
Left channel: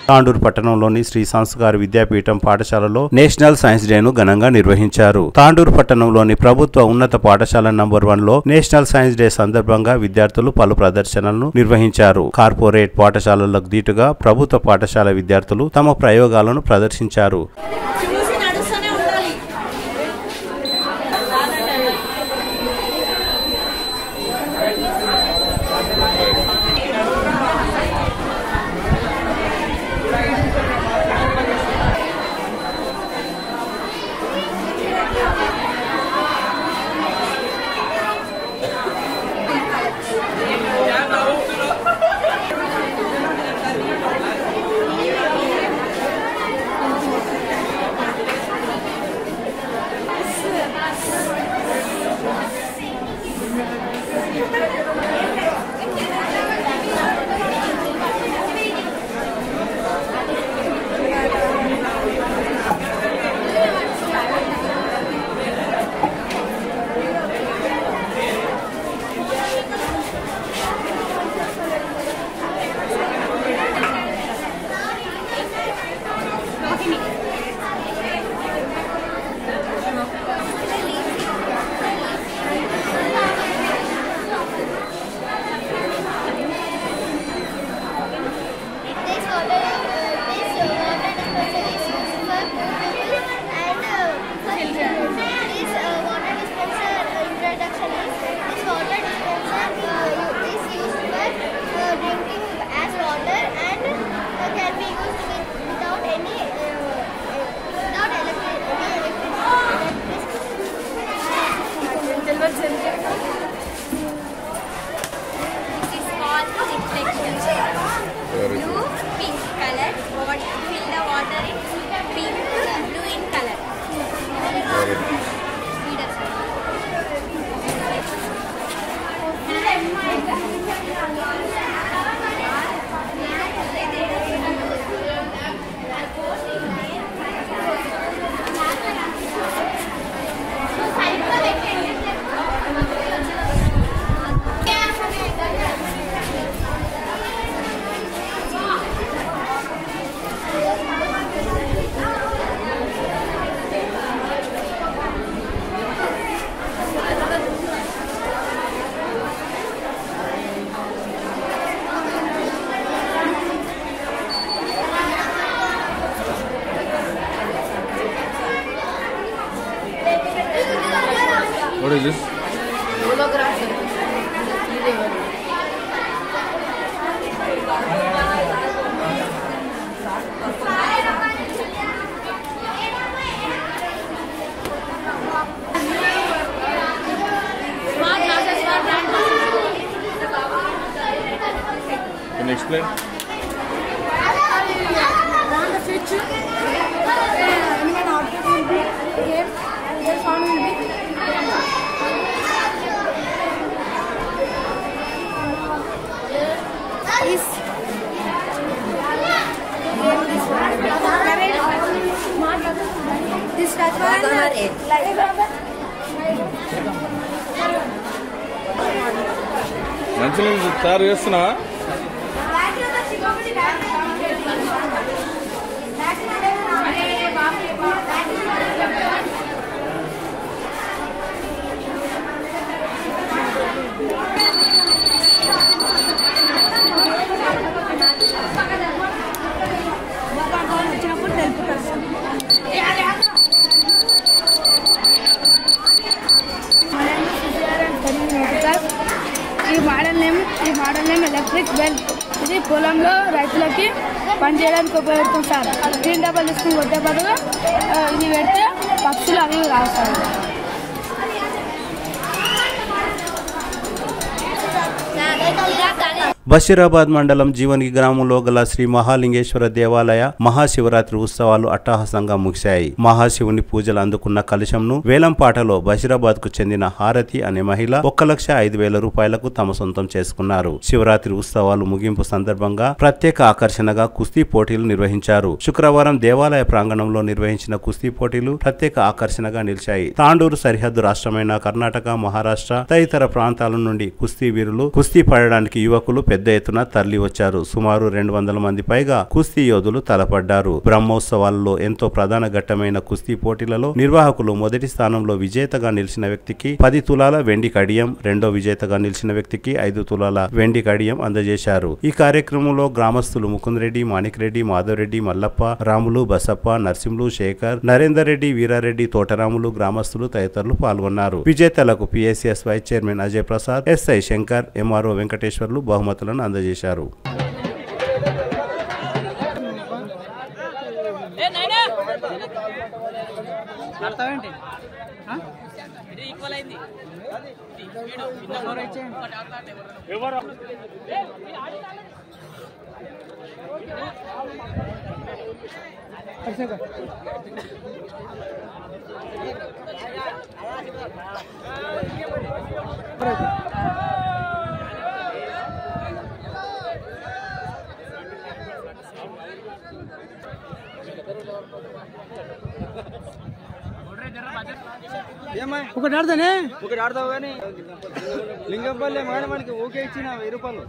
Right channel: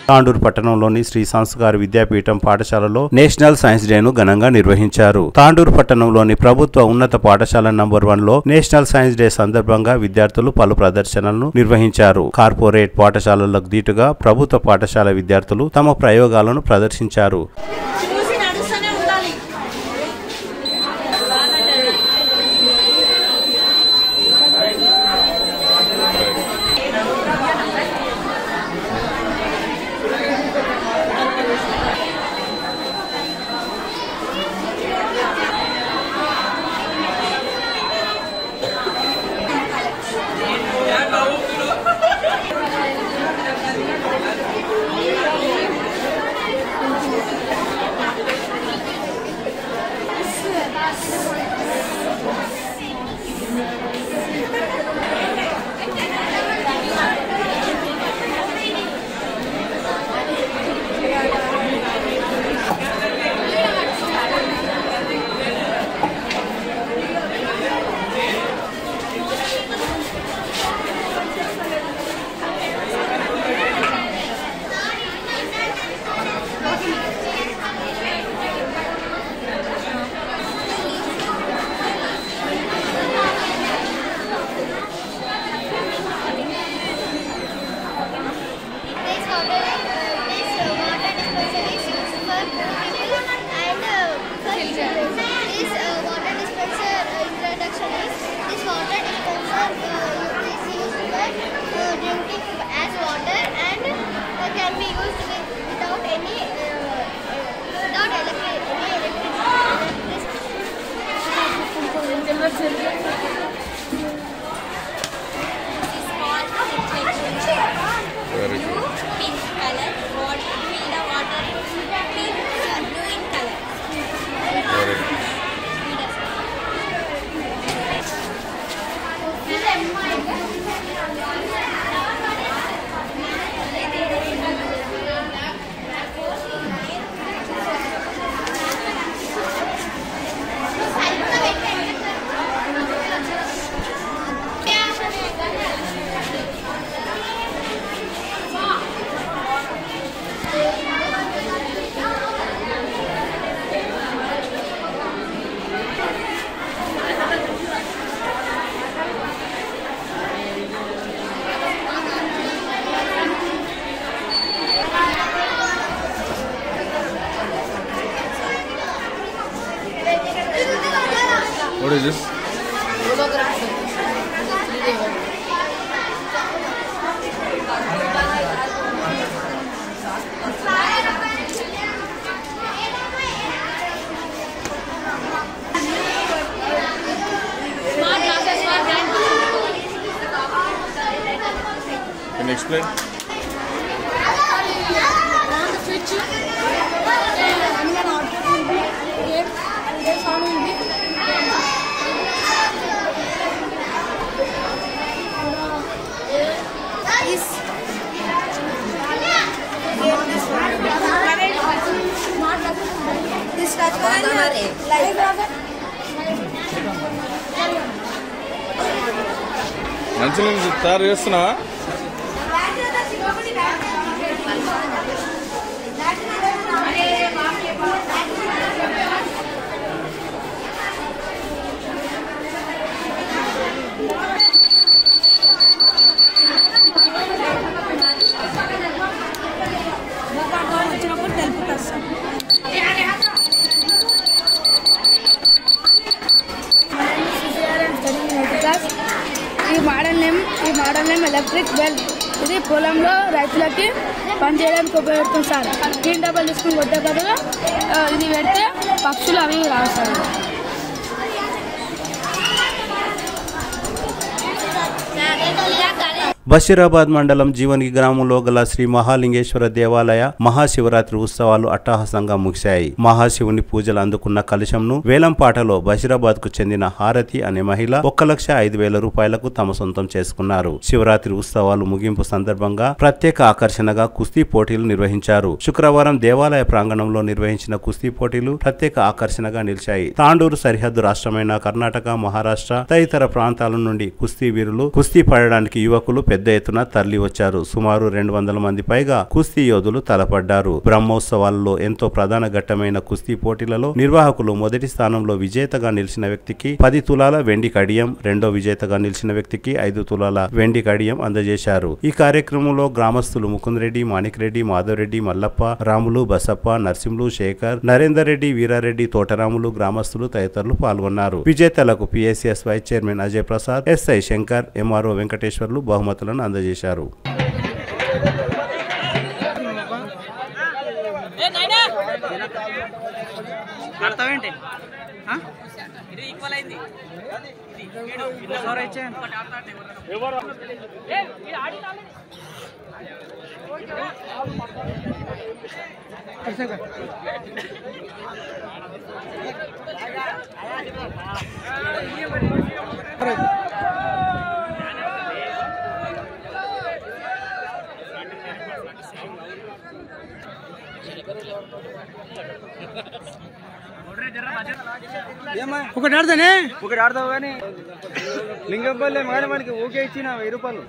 తాండూరు పట్టణంలోని శ్రీ సంస్కార విద్యాపీఠం పాఠశాలలో నేషనల్ సైన్స్ డేను ఘనంగా నిర్వహించారు. తాండూరు పట్టణంలోని ప్రభుత్వ ఉన్నత పాఠశాల నంబర్ 1లో నేషనల్ సైన్స్ డే సందర్భంగా విద్యార్థులు పలు ప్రదర్శనలను నిర్వహించారు. కార్పొరేట్ పాఠశాలలకు దీటుగా ప్రభుత్వ పాఠశాల విద్యార్థులు తమ ప్రయోగాలను ప్రదర్శించారు. What is this? Hologram, sir. 3D hologram. Smart glasses for blind person. Can you explain? On the switch, animal object will be game, and their sound will be. This touch one live. మంచిగా తయారు చేస్తున్నావా? వచ్చినప్పుడు తెలుపుతారు sir. ఈ model name electric bell. ఇది పొలంలో రైతులకి పనిచేయడానికి ఉపయోగపడుతుంది సార్. గ్రీన్ డబ్బులు తీసుకుని కొట్టే బదులు ఇది పెడితే పక్షులు అవి రావు సార్. బషీరాబాద్ మండలం జీవని గ్రామంలో గల శ్రీ మహాలింగేశ్వర దేవాలయ మహాశివరాత్రి ఉత్సవాలు అట్టహాసంగా ముగిశాయి. మహాశివుని పూజలు అందుకున్న కలశంను వేలంపాటలో బషీరాబాద్ కు చెందిన హారతి అనే మహిళ 1,05,000 రూపాయలకు తమ సొంతం చేసుకున్నారు. శివరాత్రి ఉత్సవాలు ముగింపు సందర్భంగా ప్రత్యేక ఆకర్షణగా కుస్తీ పోటీలు నిర్వహించారు. శుక్రవారం దేవాలయ ప్రాంగణంలో నిర్వహించిన కుస్తీ పోటీలు ప్రత్యేక ఆకర్షణగా నిలిచాయి. తాండూరు సరిహద్దు రాష్ట్రమైన కర్ణాటక, మహారాష్ట్ర తదితర ప్రాంతాల నుండి కుస్తీ వీరులు కుస్తీ పడడానికి యువకులు పెద్ద ఎత్తున తరలి వచ్చారు. సుమారు 200 మంది పైగా కుస్తీ యోధులు తలపడ్డారు. బ్రహ్మోత్సవాలలో ఎంతో ప్రధాన ఘట్టమైన కుస్తీ పోటీలలో నిర్వాహకులు మొదటి స్థానంలో విజేతగా నిలిచిన వ్యక్తికి 10 తులాల వెండి కడియం, రెండో విజేతగా నిలిచిన వ్యక్తికి 5 తులాల వెండి కడియం అందజేశారు. ఈ కార్యక్రమంలో గ్రామస్తులు ముకుందరెడ్డి, మాణిక్రెడ్డి, మాధవరెడ్డి, మల్లప్ప, రాములు, బసప్ప, నర్సింహులు, శేఖర్, నరేందర్ రెడ్డి, వీరారెడ్డి, తోటరాములు, గ్రామస్తులు తదితరులు పాల్గొన్నారు. విజేతలకు PSCS vice chairman Ajay Prasad, SI Shankar, MRO Venkateswarlu బహుమతులను అందజేశారు. ఒకటి ఆడతానే ఒకటి ఆడతావు కానీ లింగంపల్లి మేడమానికి ఓకే ఇచ్చిన 1000 రూపాయలు.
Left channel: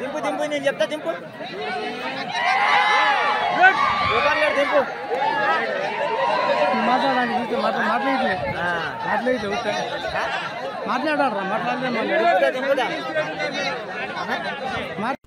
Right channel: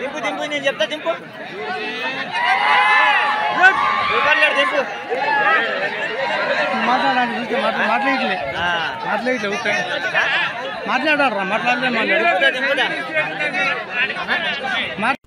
దింపు దింపు నేను చెప్తా దింపు దింపు మాట్లాడాలి చూస్తే మాట్లాడలే మాట్లాడారా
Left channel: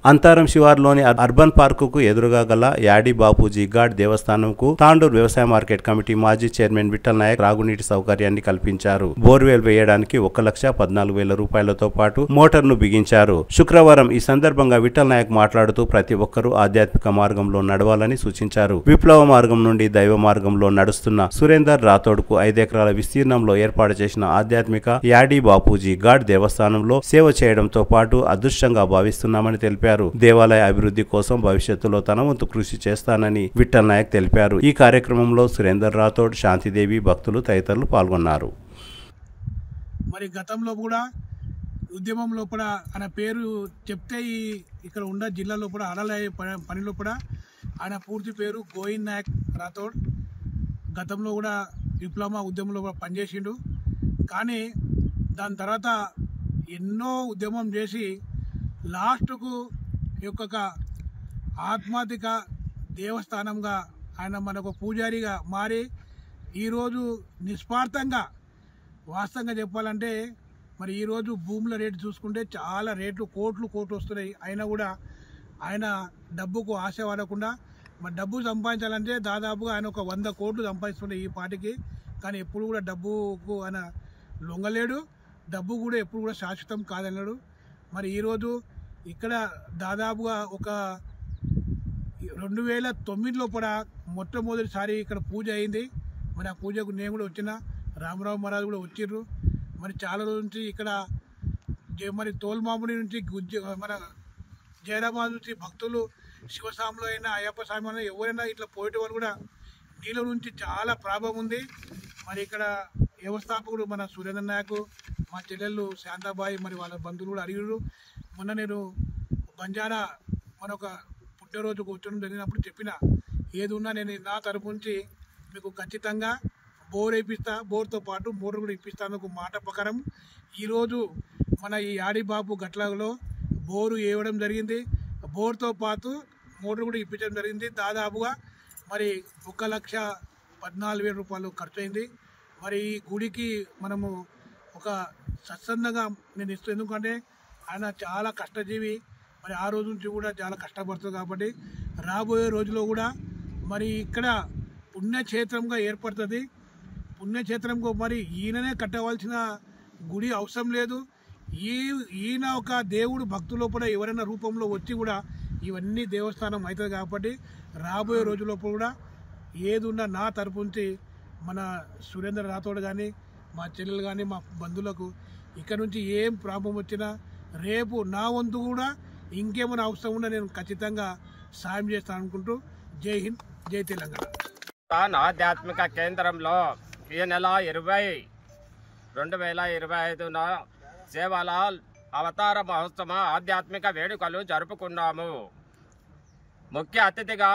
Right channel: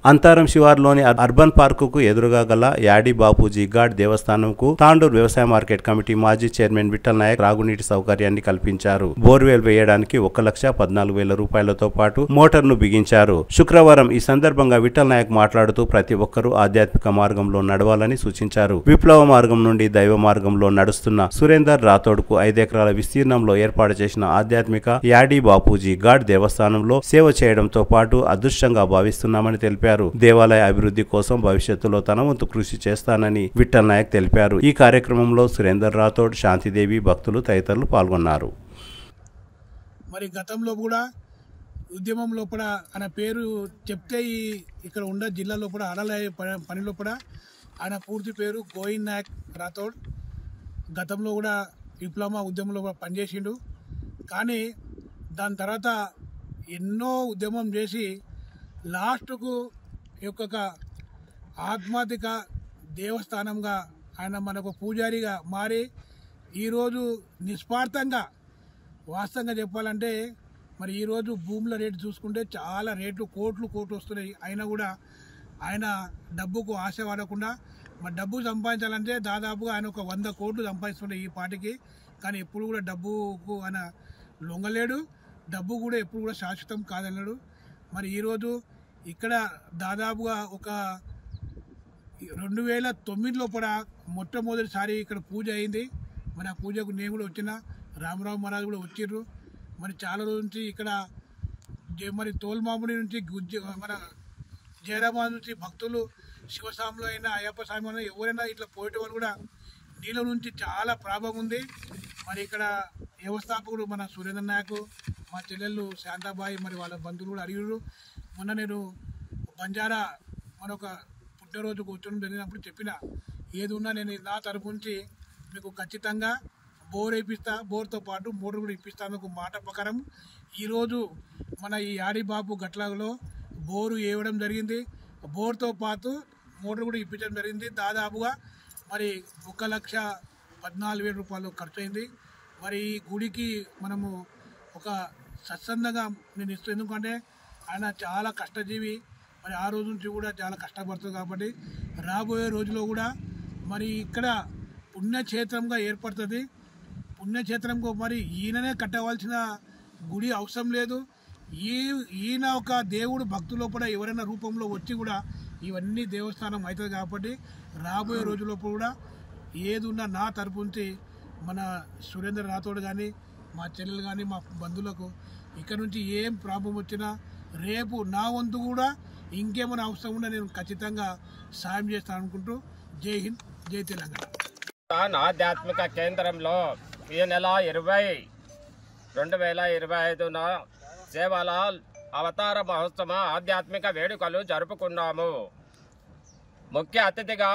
అంతారం శివార్లోని అర్బన్ పార్కుకు ఎదురుగా గల యాడి బాపూజీ ఘాట్ దేవస్థానంకు తాండూరు వ్యవసాయ మార్కెట్ కమిటీ మాజీ చైర్మన్ విఠల్ నాయక్ త్రాగునీటి సౌకర్యాన్ని కల్పించారు. బోర్వెల్ వేయడానికి 1,14,000 రూపాయలతో పాటు మోటార్ను బిగించారు. శుక్రవారం ఈ సందర్భంగా విఠల్ నాయక్ మాట్లాడుతూ ప్రతి ఒక్కరూ ఆధ్యాత్మిక మార్గంలో నడవాలని సూచించారు. విప్లవ మార్గం నుండి దైవ మార్గంలో నడుస్తున్న సురేందర్ రాథోడ్కు 5 ఎకరాల విస్తీర్ణంలో ఏర్పాటు చేసిన ఆధ్యాత్మిక యాడి బాపూజీ ఘాట్ దేవస్థానంలో సేవ చేయడంతో పాటు అదృష్టంగా భావిస్తున్నామని తెలిపారు. దేవాలయ అభివృద్ధి కోసం భవిష్యత్తులో తన వంతు కృషి చేస్తానని విఠల్ నాయక్ తెలిపారు. ఈ కార్యక్రమంలో సురేందర్ రాథోడ్, శాంతిదేవి, భక్తులు తదితరులు పాల్గొన్నారు. మరి గతంలో కూడా ఉద్యమం లోపల ఆయన పేరు చెప్తే ఇక్కడ ఉన్న జిల్లా లోపల ఆడలే పని లోపల ఆయన పూర్తి పేరు గోవింద్ నాయక్ రాథోడ్. గతంలో కూడా విప్లవ ఉద్యమంలో కూడా పనిచేసిండు. కానీ దాని తర్వాత ఎన్నో ఉద్యమం చేసి లాస్ట్కు ఈ యొక్క ఆధ్యాత్మిక దేవస్థానంగా ఆయన మనకు పూజారిగా మారి ఈరోజు నిస్వార్థంగా వాస్తవంగా చెప్పాలంటే మరి ఈరోజు భూముల రేటు చూసుకుంటే చాలా రేట్లు కోట్లు వస్తున్నాయి. అయినా కూడా ఆయన డబ్బుకు ఆశ పడకుండా మరి డబ్బు సంపాదించాలంటే దాదాపుగా ఆయన ఒక 100 కోట్లు సంపాదిస్తున్నాయి ఈ పాటికి. కానీ ఎప్పుడు కూడా డబ్బుకు ఆయన లొంగలేడు. డబ్బు కూడా ఎప్పుడు కూడా శాశ్వతం కాదన్నాడు. మరి ఈరోజు ఇక్కడ దాదాపుగా ఒక 2009లో కూడా మొట్టమొదటిసారి ఇక్కడ పూజ అయింది. మరి ఆ పూజకు నేను కూడా వచ్చిన, రామరావు మహారాజు కూడా వచ్చిర్రు. మరి చాలా రోజుల నుంచి ఇక్కడ మరి తోల్మాముడి నుంచి మన జయరాబాద్ నుంచి భక్తులు శివస్వామిలో అయినా అయ్యప్ప స్వామి అయినా ఎవరైనా ఇట్లా పోయేటి వాళ్ళు కూడా నీళ్ళ నుంచి చాలా ప్రాబ్లం ఉంది. మరి ఇక్కడ వ్యవస్థాపకుడు మన సురేంద్ర నాయక్, మా చెల్లెళ్ళు శాంతాబాయి, మరి వాళ్ళ బంధువులు కూడా అడిగారు. మొన్న నేను బంజారా మనొక పుట్టినరోజు కూర్చొని జరిగినప్పుడు చెప్పిన, ఏది ఉన్నా నేను నా తరపు నుంచి మీకు ఖచ్చితంగా బోర్ వేయిస్తా, బోర్తో పాటు మోటార్ కూడా ఇప్పిస్తాను ఒక మాట ప్రకారం. ఈరోజు మన ఈ యాడిబాబు గట్లాలో బోరు వేయడం జరిగింది. బోర్తో పాటు మోటార్ కూడా ఇప్పించడం జరిగింది. దాదాపుగా మరి 1,14,000 రూపాయలు ఖర్చు అయింది. మరి ఈ గుడికి మనము ఒక సత్సందంగా నేను ఇస్తాను. ఎందుకంటే ఆయన చాలా కష్టజీవి. మరి ఆ రోజు నుంచి కూడా చాలా కష్టపడుతుంది. కాబట్టి రాబోయే రోజుల్లో కూడా మరి ఇక్కడ పుణ్యక్షేత్రంగా ఏర్పడుతుంది. పుణ్యక్షేత్రంకు మరి ఈయననే కట్టవలసిన గుడి అవసరం లేదు. ఈయన ఒక దేవుడు భక్తుల లోపల ఎవరైనా రూపంలో వచ్చి కూడా ఇవన్నీ దేవస్థానం అవుతుంది. కాబట్టి రాబోయే రోజుల్లో కూడా ఏది ఉన్నా నా తరపు నుంచి మన సురేంద్ర రాథోడ్ కానీ, మా చెల్లెలు కానీ, మా బంధువులకు ఇక్కడ నుంచి ఏం ప్రాబ్లం వచ్చినా రేపు నా వంతు కూడా ఇంకేమైనా అవసరం ఉన్నా నేను ఖచ్చితంగా సాయం చేస్తాను అనుకుంటూ జై హింద్, జై తెలంగాణ. ఆధ్యాత్మిక కేంద్రంలో ఈ నెల 20/20/2025 సేవాలాల్ అవతార మహోత్సవ ఆధ్యాత్మిక వేడుకలు జరుపుకున్నాము. ముఖ్య అతిథిగా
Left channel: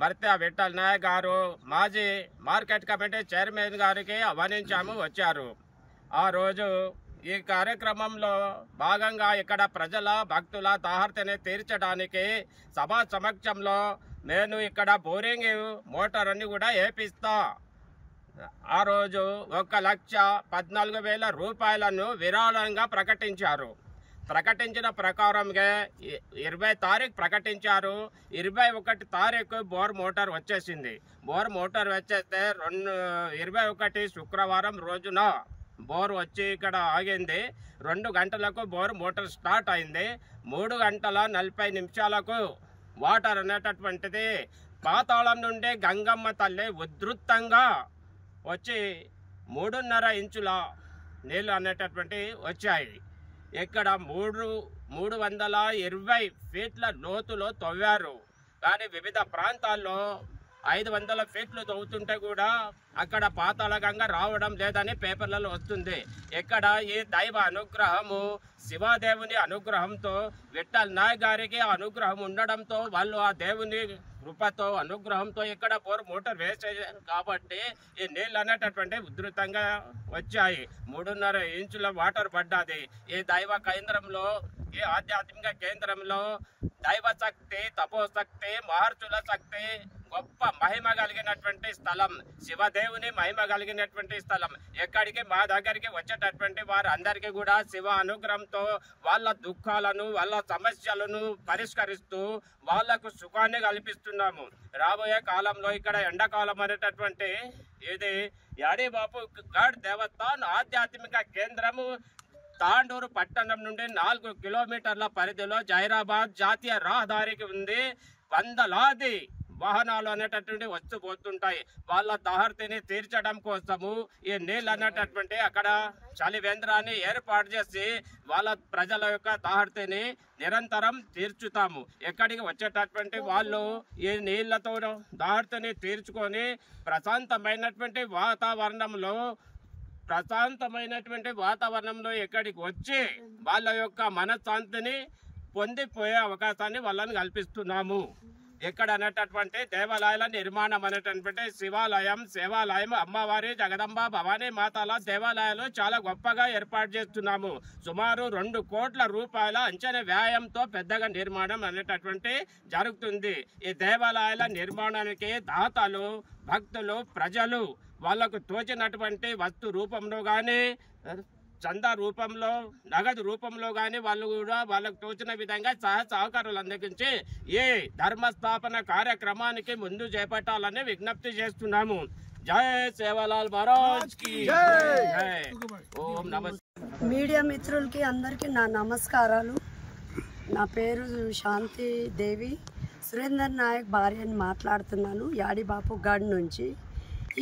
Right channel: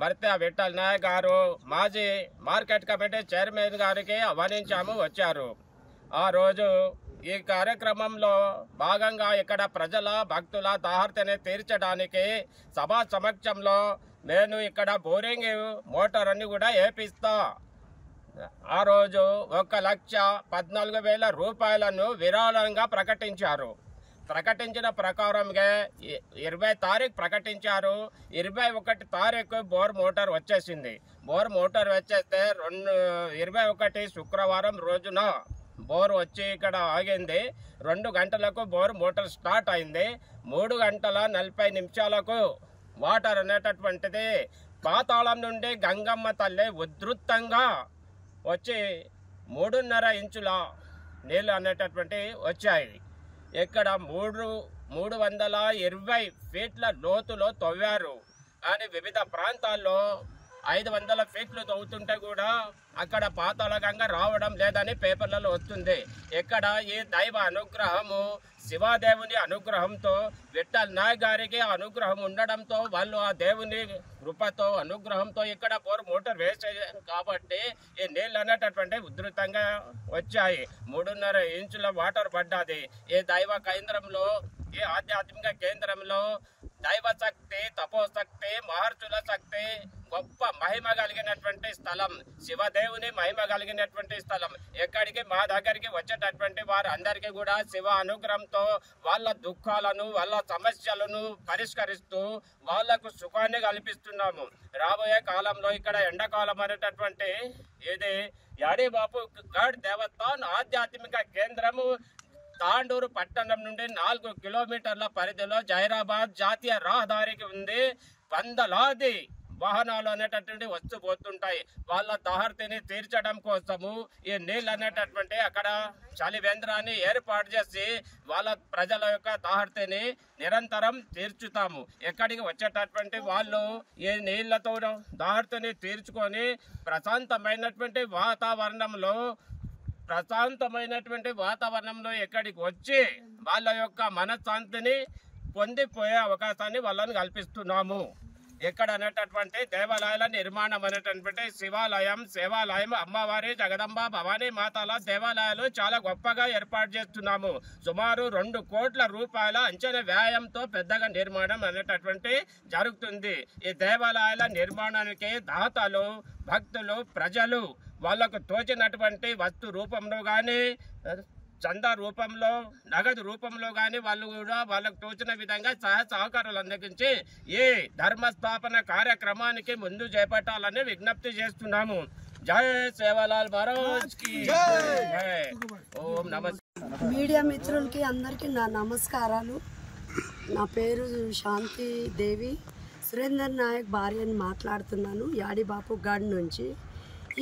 భర్త విఠల్ నాయక్ గారు, మాజీ మార్కెట్ కమిటీ చైర్మన్ గారికి ఆహ్వానించాము, వచ్చారు. ఆ రోజు ఈ కార్యక్రమంలో భాగంగా ఇక్కడ ప్రజల భక్తుల దాహర్తిని తీర్చడానికి సభా సమక్షంలో నేను ఇక్కడ బోరింగ్ మోటార్ అన్ని కూడా వేపిస్తా. ఆ రోజు 1,14,000 రూపాయలను విరాళంగా ప్రకటించారు. ప్రకటించిన ప్రకారంగా 20 తారీఖు ప్రకటించారు. 21 తారీఖు బోర్ మోటార్ వచ్చేసింది. బోర్ మోటార్ వచ్చేస్తే 21 శుక్రవారం రోజున బోర్ వచ్చి ఇక్కడ ఆగింది. 2 గంటలకు బోర్ మోటార్ స్టార్ట్ అయింది. 3 గంటల 40 నిమిషాలకు వాటర్ అనేటటువంటిది పాతాళం నుండి గంగమ్మ తల్లి ఉధృతంగా వచ్చి 3.5 ఇంచుల నీళ్ళు అనేటటువంటి వచ్చాయి. ఇక్కడ 320 ఫీట్ల లోతులో తవ్వారు. కానీ వివిధ ప్రాంతాల్లో 500 ఫీట్లు తవ్వుతుంటే కూడా అక్కడ పాతాళ గంగ రావడం లేదని పేపర్లలో వస్తుంది. ఇక్కడ ఈ దైవ అనుగ్రహము శివాదేవుని అనుగ్రహంతో విఠల్ నాయక్ గారికి అనుగ్రహం ఉండడంతో వాళ్ళు ఆ దేవుని కృపతో అనుగ్రహంతో ఇక్కడ బోర్ మోటార్ వేసేసారు కాబట్టి ఈ నీళ్ళు అనేటటువంటి ఉధృతంగా వచ్చాయి. 3.5 ఇంచుల వాటర్ పడ్డది. ఈ దైవ కేంద్రంలో, ఈ ఆధ్యాత్మిక కేంద్రంలో దైవ శక్తి, తపోశక్తి, మహర్షుల శక్తి, గొప్ప మహిమ కలిగినటువంటి స్థలం, శివదేవుని మహిమ కలిగినటువంటి స్థలం. ఎక్కడికి మా దగ్గరికి వచ్చేటటువంటి వారు అందరికీ కూడా శివ అనుగ్రహంతో వాళ్ళ దుఃఖాలను, వాళ్ళ సమస్యలను పరిష్కరిస్తూ వాళ్లకు సుఖాన్ని కల్పిస్తున్నాము. రాబోయే కాలంలో ఇక్కడ ఎండాకాలం అనేటటువంటి ఇది యాడిబాపు గఢ్ దేవస్థాన్ ఆధ్యాత్మిక కేంద్రము తాండూరు పట్టణం నుండి 4 కిలోమీటర్ల పరిధిలో జైరాబాద్ జాతీయ రహదారికి ఉంది. 100లాది వాహనాలు అనేటటువంటి వస్తూ పోతుంటాయి. వాళ్ళ దాహర్తిని తీర్చడం కోసము ఈ నీళ్ళు అనేటటువంటి అక్కడ చలివేంద్రాన్ని ఏర్పాటు చేసి వాళ్ళ ప్రజల యొక్క దాహర్తిని నిరంతరం తీర్చుతాము. ఎక్కడికి వచ్చేటటువంటి వాళ్ళు ఈ నీళ్లతో దాహర్తిని తీర్చుకొని ప్రశాంతమైనటువంటి వాతావరణంలో ఎక్కడికి వచ్చి వాళ్ళ యొక్క మనశ్శాంతిని పొందిపోయే అవకాశాన్ని వాళ్ళని కల్పిస్తున్నాము. ఇక్కడ అనేటటువంటి దేవాలయాల నిర్మాణం అనేటటువంటి శివాలయం, అమ్మవారి, జగదంబ, భవానీ మాతల దేవాలయాలు చాలా గొప్పగా ఏర్పాటు చేస్తున్నాము. సుమారు 2 కోట్ల రూపాయల అంచనా వ్యయంతో పెద్దగా నిర్మాణం అనేటటువంటి జరుగుతుంది. ఈ దేవాలయాల నిర్మాణానికి దాతలు, భక్తులు, ప్రజలు వాళ్లకు తోచినటువంటి వస్తు రూపంలో కానీ, చందా రూపంలో, నగదు రూపంలో కానీ వాళ్ళు కూడా వాళ్ళకు తోచిన విధంగా సహకారాలు అందించి ఈ ధర్మస్థాపన కార్యక్రమానికి ముందు చేపట్టాలని విజ్ఞప్తి చేస్తున్నాము. జై సేవాలాల్ మహారాజ్ కి జై. ఓం నమస్తే. మీడియా మిత్రులకి అందరికీ నా నమస్కారాలు. నా పేరు శాంతి దేవి, సురేందర్ నాయక్ భార్యని మాట్లాడుతున్నాను యాడిబాపు గఢ్ నుంచి.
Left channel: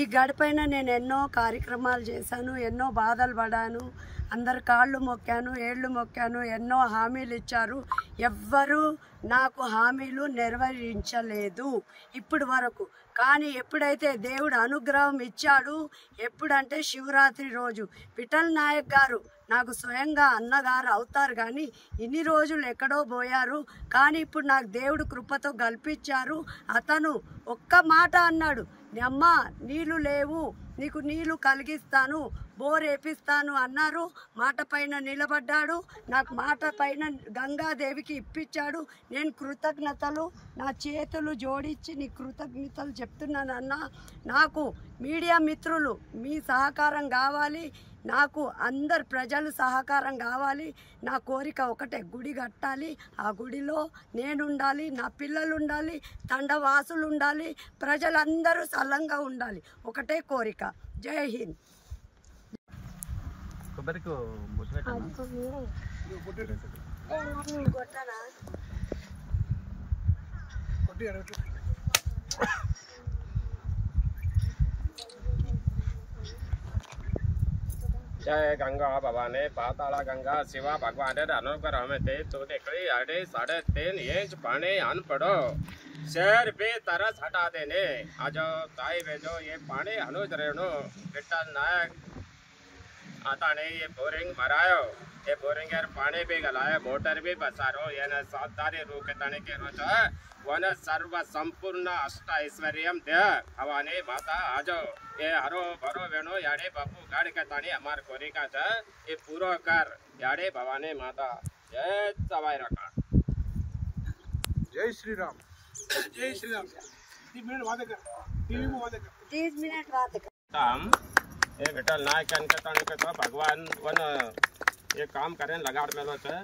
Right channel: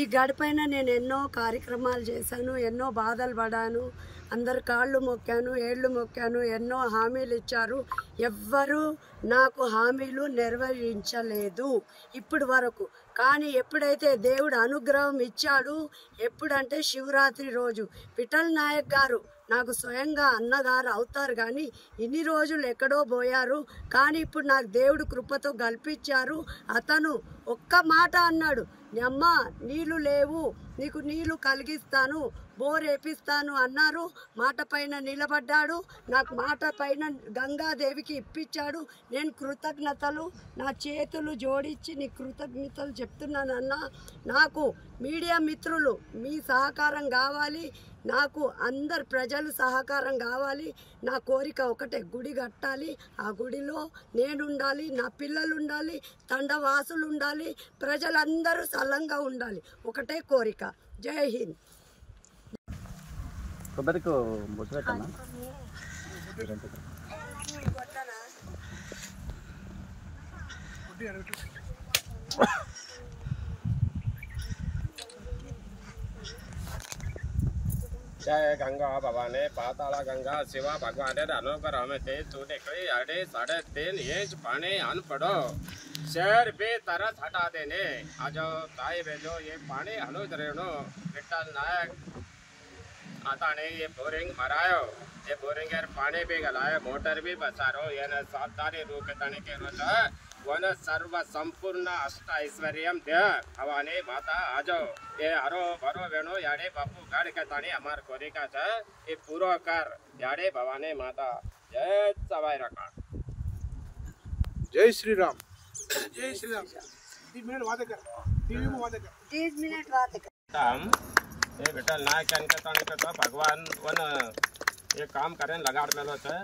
ఈ గఢ్ పైన నేను ఎన్నో కార్యక్రమాలు చేశాను, ఎన్నో బాధలు పడాను, అందరు కాళ్ళు మొక్కాను, ఏళ్ళు మొక్కాను, ఎన్నో హామీలు ఇచ్చారు. ఎవ్వరూ నాకు హామీలు నెరవేర్చలేదు ఇప్పటి వరకు. కానీ ఎప్పుడైతే దేవుడు అనుగ్రహం ఇచ్చాడు, ఎప్పుడంటే శివరాత్రి రోజు విఠల్ నాయక్ గారు నాకు స్వయంగా అన్నగారు అవుతారు. కానీ ఇన్ని రోజులు ఎక్కడో పోయారు. కానీ ఇప్పుడు నాకు దేవుడు కృపతో కల్పించారు. అతను ఒక్క మాట అన్నాడు, అమ్మ నీళ్లు లేవు, నీకు నీళ్లు కలిగిస్తాను, బోర్ వేపిస్తాను అన్నారు. మాట పైన నిలబడ్డాడు. నాకు మాట పైన గంగాదేవికి ఇప్పించాడు. నేను కృతజ్ఞతలు నా చేతులు జోడించి నీ కృతజ్ఞతలు చెప్తున్నానన్నా. నాకు మీడియా మిత్రులు మీ సహకారం కావాలి, నాకు అందరు ప్రజలు సహకారం కావాలి. నా కోరిక ఒకటే, గుడి కట్టాలి, ఆ గుడిలో నేనుండాలి, నా పిల్లలు ఉండాలి, తండవాసులు ఉండాలి, ప్రజలందరూ సల్లంగా ఉండాలి, ఒకటే కోరిక. జై హింద్. जय गंगा भवानी पाताला गंगा शिवा भगवान अनुग्रह में ते तू निकली 3.5 इंच पानी आन पड़ो शहर भी तरस हटा देने आजो ताई भेजो ये पानी अनुज रेणु विठल नायक आता ने ये बोरिंग मरायो, ये बोरिंग यार पानी भी गलायो, मोटर भी बसारो, ये न 7 तारी रू के तने के रोज वन सर्व संपूर्ण अष्ट ऐश्वर्यम दे भवानी माता आजो ये हरो भरो वेणु याडे बापू गाड़ के तानी हमार कोरिका छ ये पूरो कर याडे भवानी माता. जय सवाई रखा. जय श्री राम. जय श्री राम. 30 मिनट वादे कर, टीवी में वादे कर. 30 मिनट वादे कर. काम ये विठल नायक तो भगवान वन ये काम करें लगाड़ में होता है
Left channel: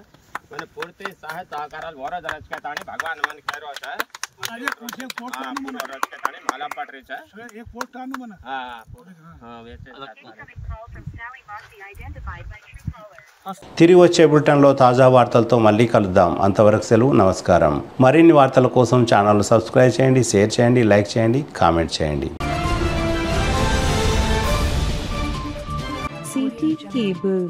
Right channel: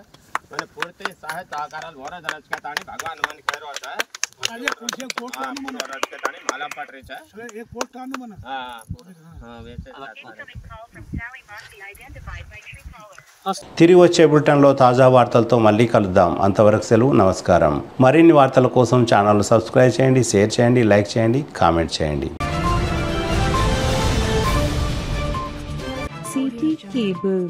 मैंने पूर्ति सहायता कराल वरद रच के तानी भगवान मन कह होता है माला पट रही है एक पोस्ट आनु मना हाँ वैसे తిరిగి వచ్చే బులెటిన్లో తాజా వార్తలతో మళ్ళీ కలుద్దాం. అంతవరకు సెలవు, నమస్కారం. మరిన్ని వార్తల కోసం ఛానల్ సబ్స్క్రైబ్ చేయండి, షేర్ చేయండి, లైక్ చేయండి, కామెంట్ చేయండి. CT Cable.